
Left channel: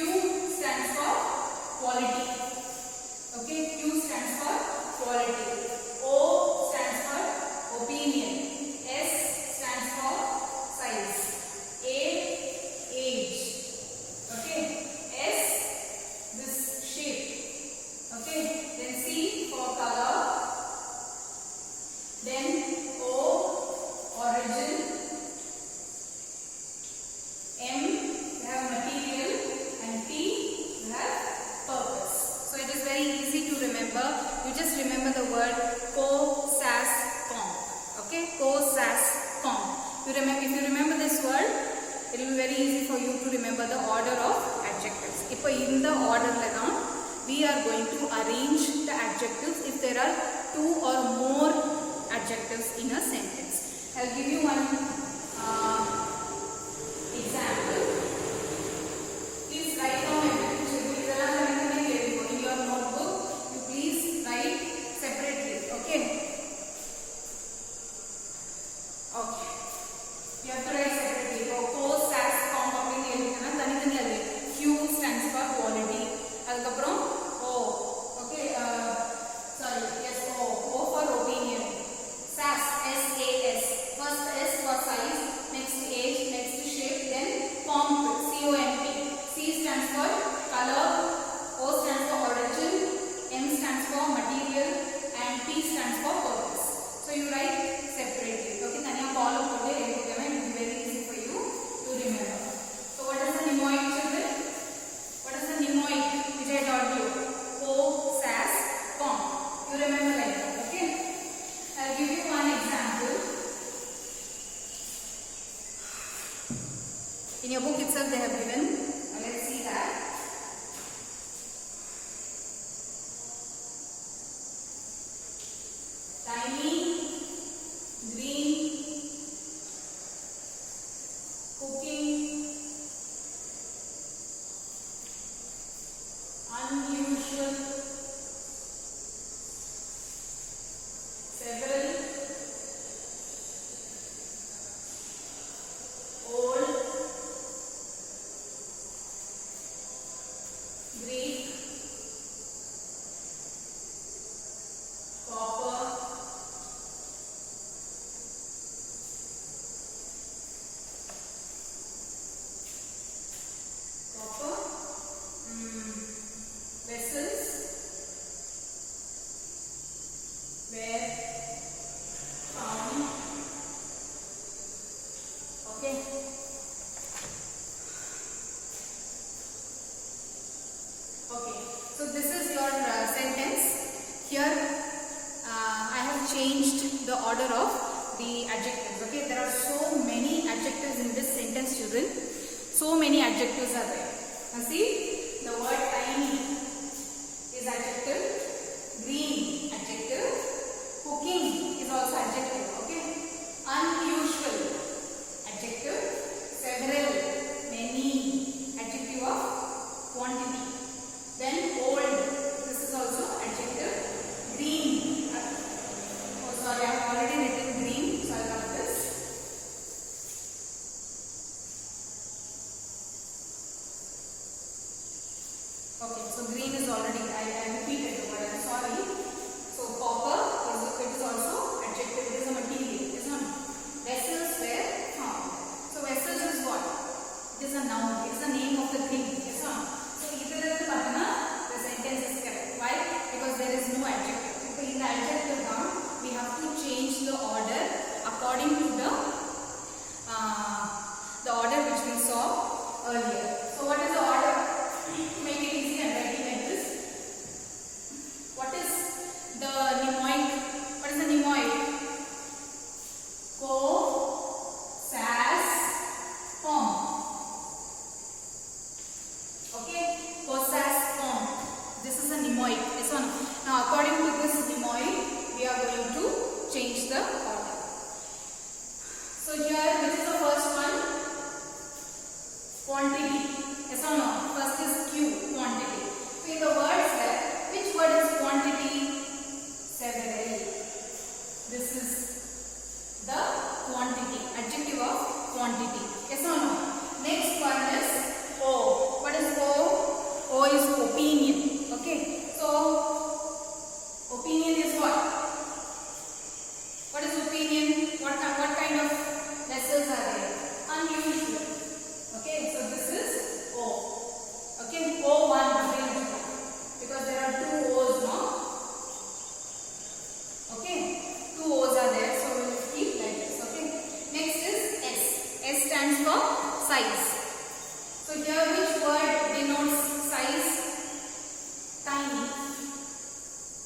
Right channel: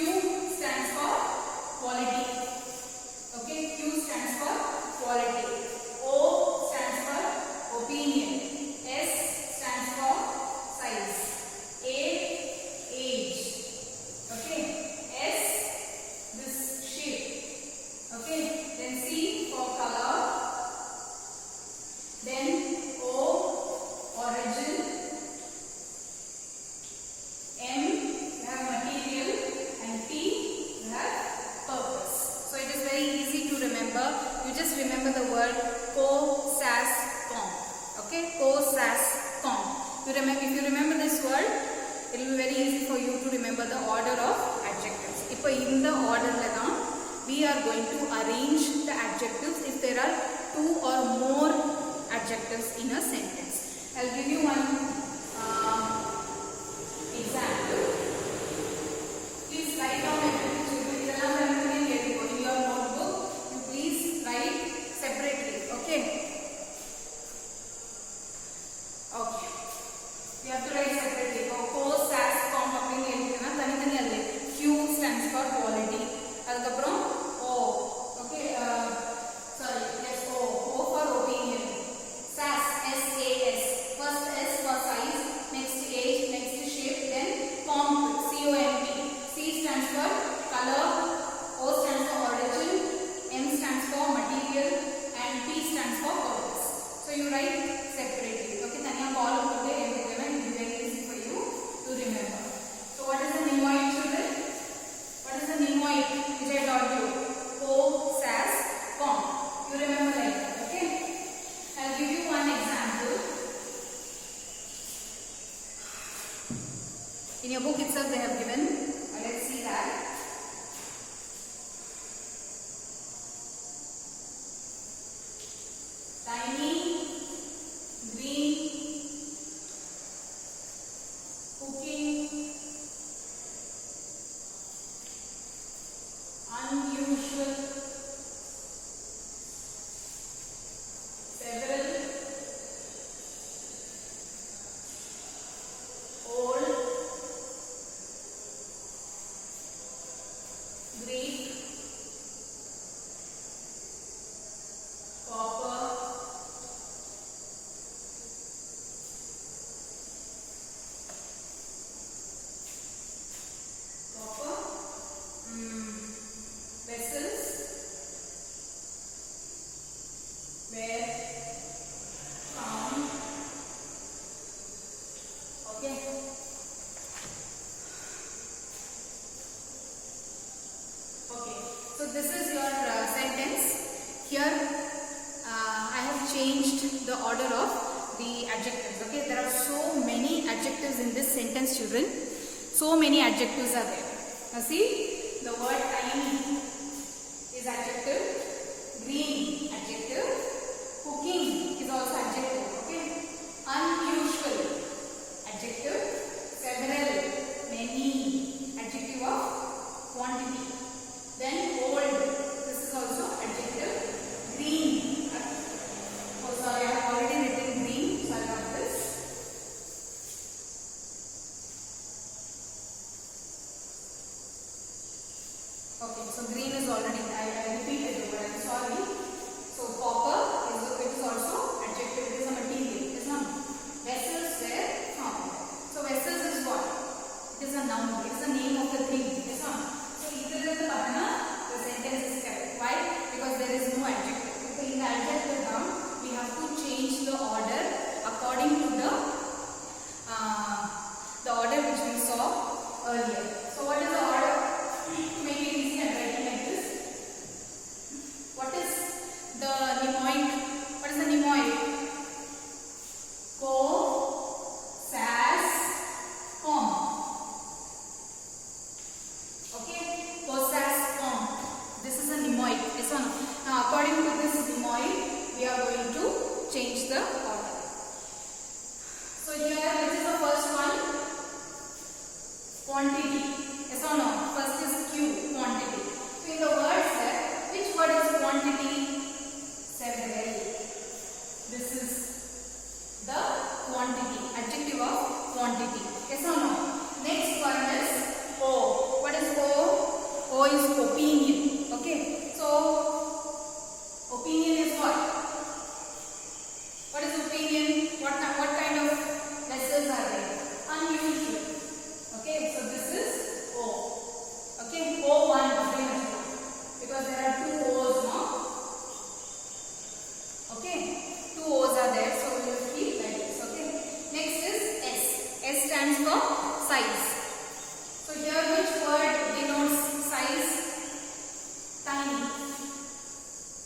stands for quality. Okay, Q stands for quality. O stands for opinion. S stands for size. A, age. Okay, S, this shape. Okay, then C for color. Then O, origin. M, you have material, and P, you have purpose. So it is very easy to remember. You just remember the word co, sas, com. Okay, co, sas, com. If you remember this word, it will be very easy for you to remember the order of adjectives. Now in the order we are going to arrange the adjectives if there are two or more adjectives in a sentence. I will give you one example. Please write down everything. In your notebook, you please write separately. Okay. Okay. You have to write separately. Co, sas, com, Q stands for quality. O. Okay. Sorry. Yes. O for opinion. Sas. S-A-S. First S for size. Next age. Next shape. Then comp. C-O-M-P. C stands for color. O stands for origin. M stands for material. And P stands for purpose. So you write separately. Okay. Tanya column today. It will be very easy for you to remember. So what is the mnemoic, children? What is the mnemoic which I taught you? Co, sas, com. You remember like that. Okay. I will give you one example. In your book itself they have given. Let's see that. Tiny, green, cooking, unusual, several, old, Greek, copper, vessels, were found. Okay. Okay. So this is your sentence. Here I have changed the order of the adjectives. Okay. There are so many adjectives in this sentence, children. So many adjectives are there. Now see, the word tiny is adjective, green adjective, cooking is also adjective. Okay, unusual adjective, several, many, adjective of quantity. Then old, this is also adjective, green. Oh sorry, I have already written green, so I will write this. Okay, so green is already, I repeated the word, I am sorry. So copper is also adjective, it is a material, is not. Vessels were found. So vessels is what? It is a noun, it is the name of the thing, is not. So either the sentence is correct. Why? Because there is no adjective. In the adjective noun, we have to change the order according to the order which we saw earlier. So what is the order? To make it easy, I am writing like this. Quantity. Yes or no? First is Q, quantity. So in the word set, which word is quantity? Several. This is the quantity, adjective of quantity. Yes or no? Next one is O. What is O? O is opinion. Okay. So opinion is what? What is opinion? What kind of vessels are there? Unusual. Okay. So this is O. Okay. O1 because there are two O's now. Okay. Two O's are there. So we will keep like this. Okay. Next is S. S stands for size. So here which word denotes size? Tiny.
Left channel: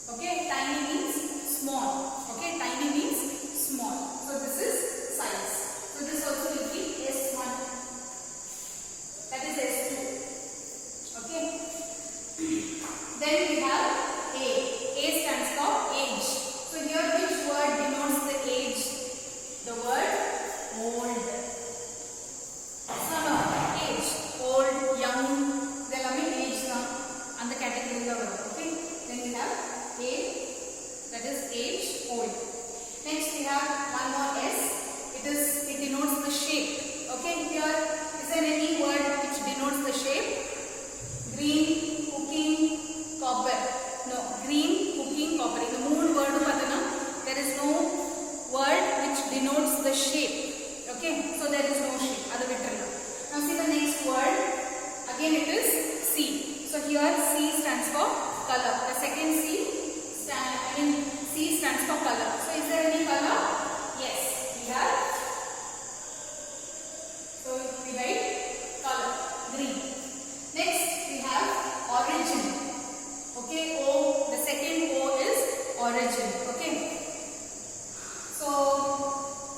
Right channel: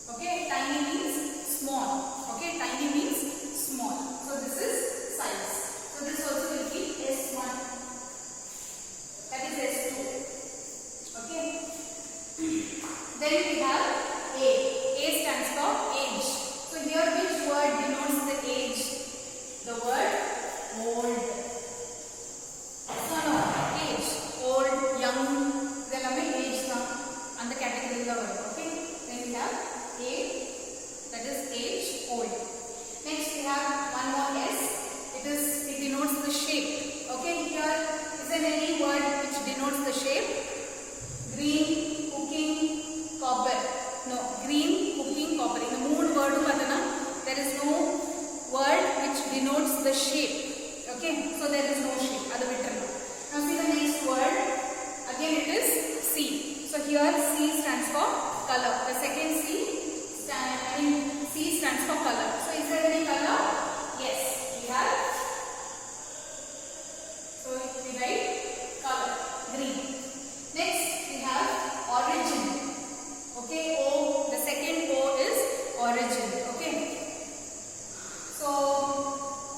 Okay, tiny means small. Okay, tiny means small. So this is size. So this also will be S1. That is S2. Okay. Then we have A. A stands for age. So here which word denotes the age? The word old. No, age. Old, young, idellame age and the category la varum. Okay. Then we have A, that is age, old. Next we have one more S. It denotes the shape. Okay. Here is there any word which denotes the shape? Green, cooking, copper. No, green, cooking, copper. In the moon word there is no word which denotes the shape. Okay. So there is no shape. Now see the next word. Again it is C. So here C stands for color. The second C stands for color. So is there any color? Yes, we have. So we write color, green. Next we have origin. Okay, O. The second O is origin. Okay. So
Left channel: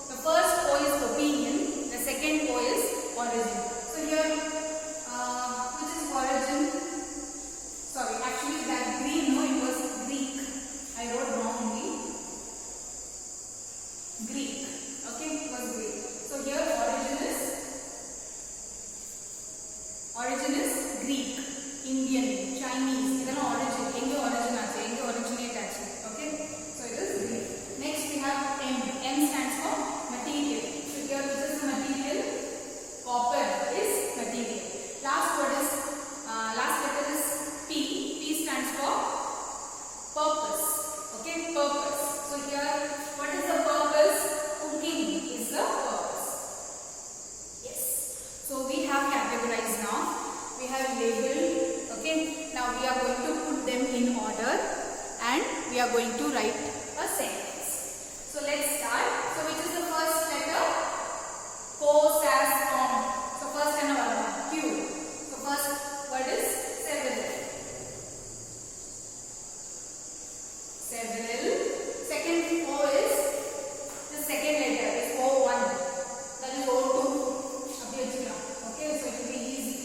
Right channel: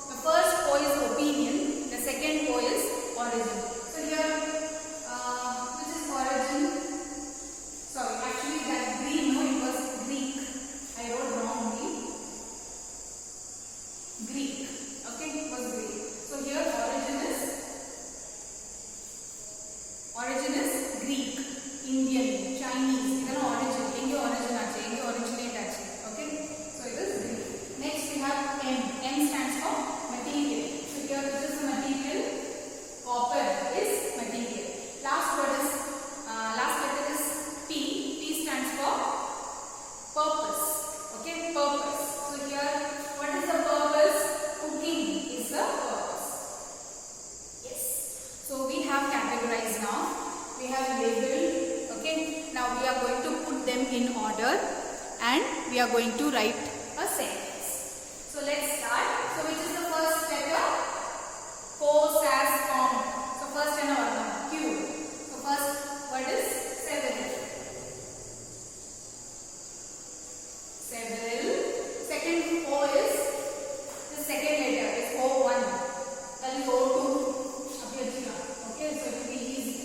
the first O is opinion. The second O is origin. So here, which is origin? Sorry, actually that green, no, it was Greek. I wrote wrongly. Greek. Okay, it was Greek. So here origin is Greek, Indian, Chinese. This is origin. Origin originate. Okay, so it is Greek. Next we have M. M stands for material. So here which is the material? Copper is material. Last letter is P. P stands for purpose. Okay, purpose. So here, what is the purpose? Cooking is the purpose. Yes. So we have categorized now. We have labeled. Okay. Now we are going to put them in order, and we are going to write a sentence. So let's start. So which is the first letter? Co, sas, com. So first and Q. So first word is several. Several. Second O is the second letter is O1. That is O2. Okay, so it will be easy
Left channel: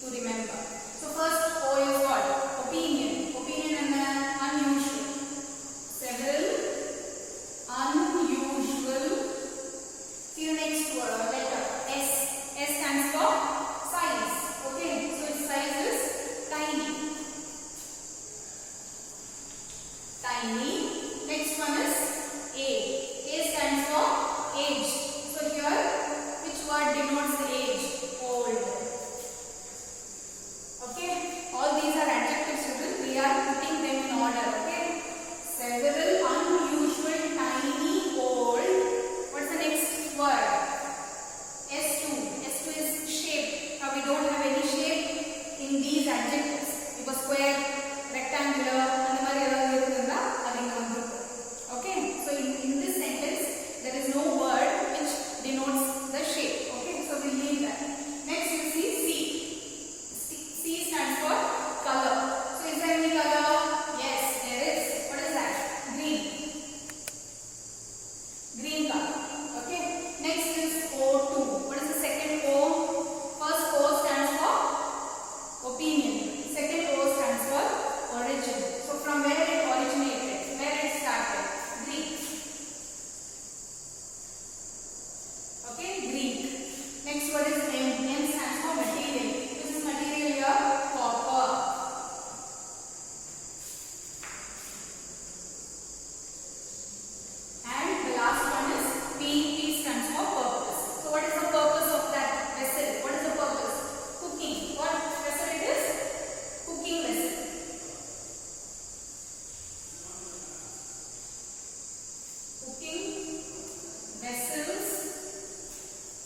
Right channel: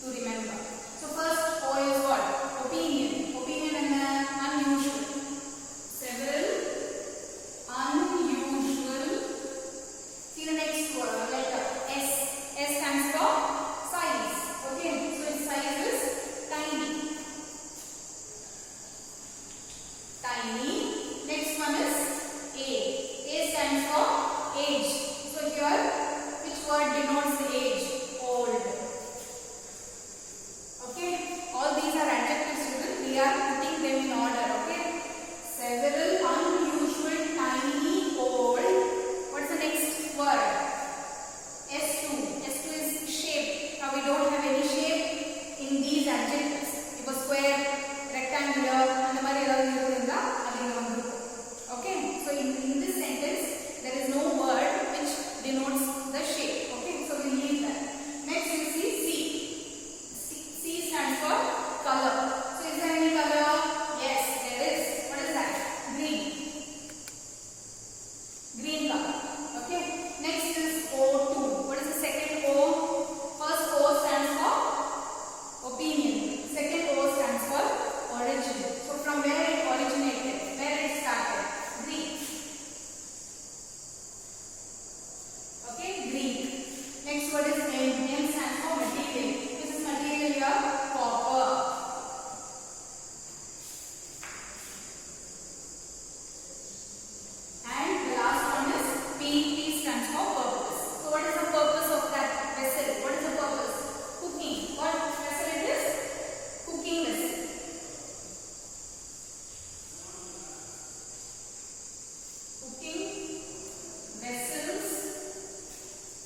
to remember. So first O is what? Opinion. Opinion and unusual. Several.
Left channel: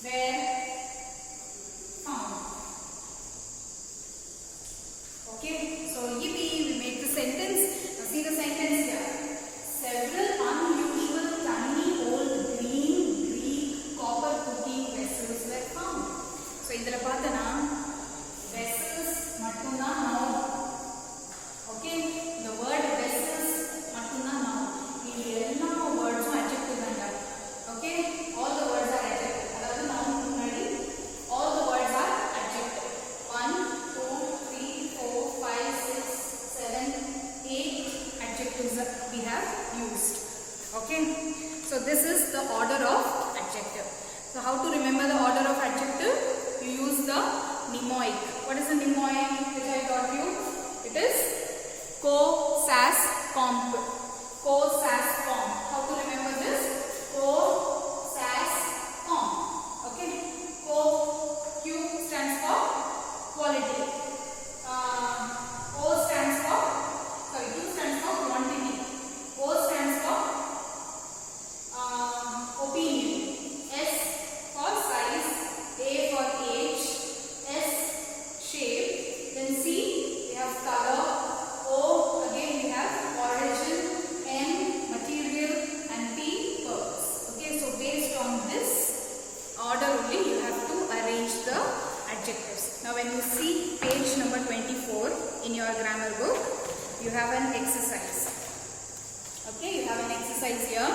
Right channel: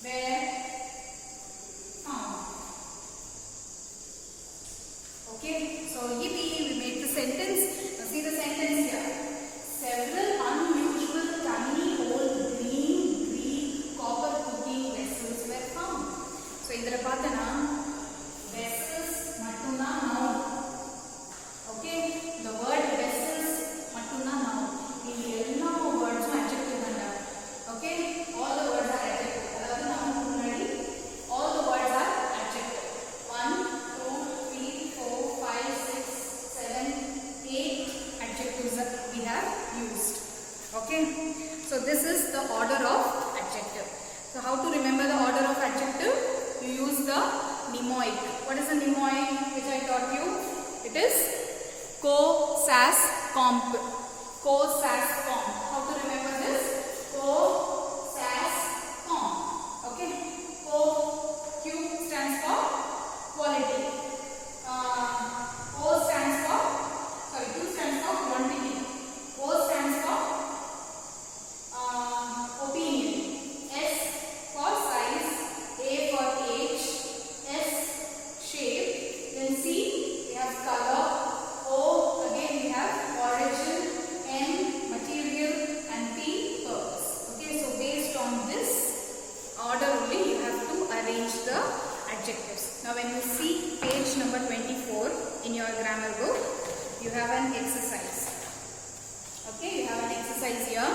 were found. Okay, so yippee, we made the sentence. Now see the sentence here. Several unusual tiny old green Greek copper cooking vessels were found. So idhula pathana vessels mattumda noun. Okay, the word vessels mattumda noun. Mean ella words adjective anda. Okay, all the words are adjective. Adavadhu noun munnadi all the words are adjective. 1 2 3 4 5 6 7 8 adjectives that we have used. Okay, so this is the order of adjective. So how to remember the order of adjective? You use the mnemoic. What is the mnemoic which I taught you? It is co, sas, comp. Co, sas, comp. How to remember this? Co, sas, comp. Okay, co, Q stands for quality. O stands for, sorry, Q stands for quantity. O stands for opinion. S for size. A for age. S shape. Then C we have color. O again we have origin. M material and P purpose. Okay, so based on this order only you have to arrange the adjectives. Now when you see page number 24 in your grammar book, you have an exercise. Okay, you have an exercise here.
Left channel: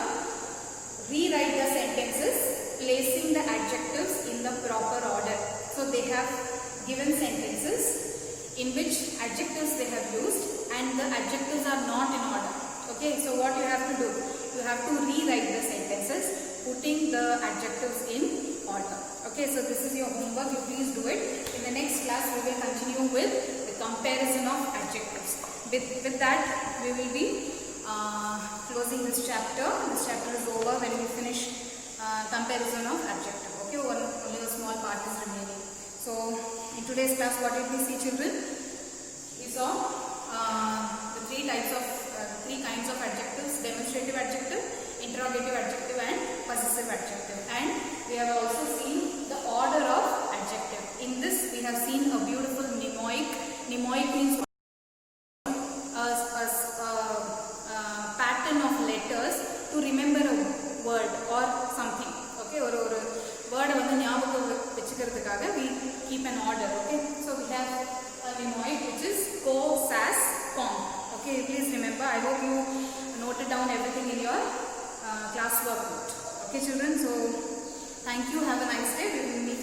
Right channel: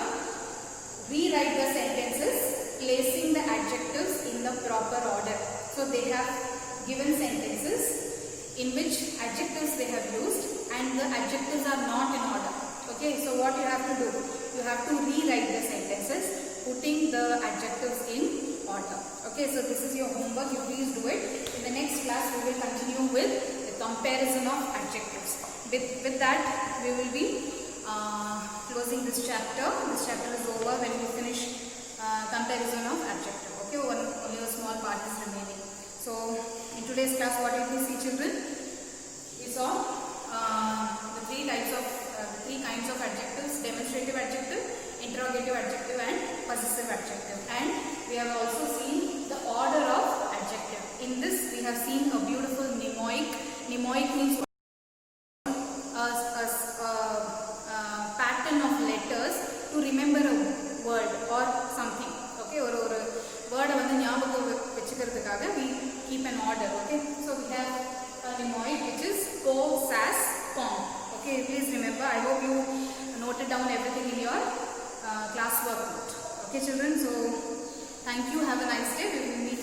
Rewrite the sentences placing the adjectives in the proper order. So they have given sentences in which adjectives they have used and the adjectives are not in order. Okay, so what you have to do? You have to rewrite the sentences putting the adjectives in order. Okay, so this is your homework. You please do it. In the next class we will continue with the comparison of adjectives. With that we will be closing this chapter. This chapter is over when we finish comparison of adjective. Okay, only a small part is remaining. So in today's class what did we see, children? We saw the three kinds of adjectives: demonstrative adjective, interrogative adjective and possessive adjective. And we have also seen the order of adjective. In this we have seen a beautiful mnemoic. Mnemoic means pattern of letters to remember a word or something. Okay, or word வந்து ஞாபகம் வெச்சுக்கிறதுக்காக we keep an order. Okay, so we have a mnemoic which is co, sas, comp. Okay, please remember. I hope you noted down everything in your classwork note. Okay, children. So thank you. Have a nice day. We will meet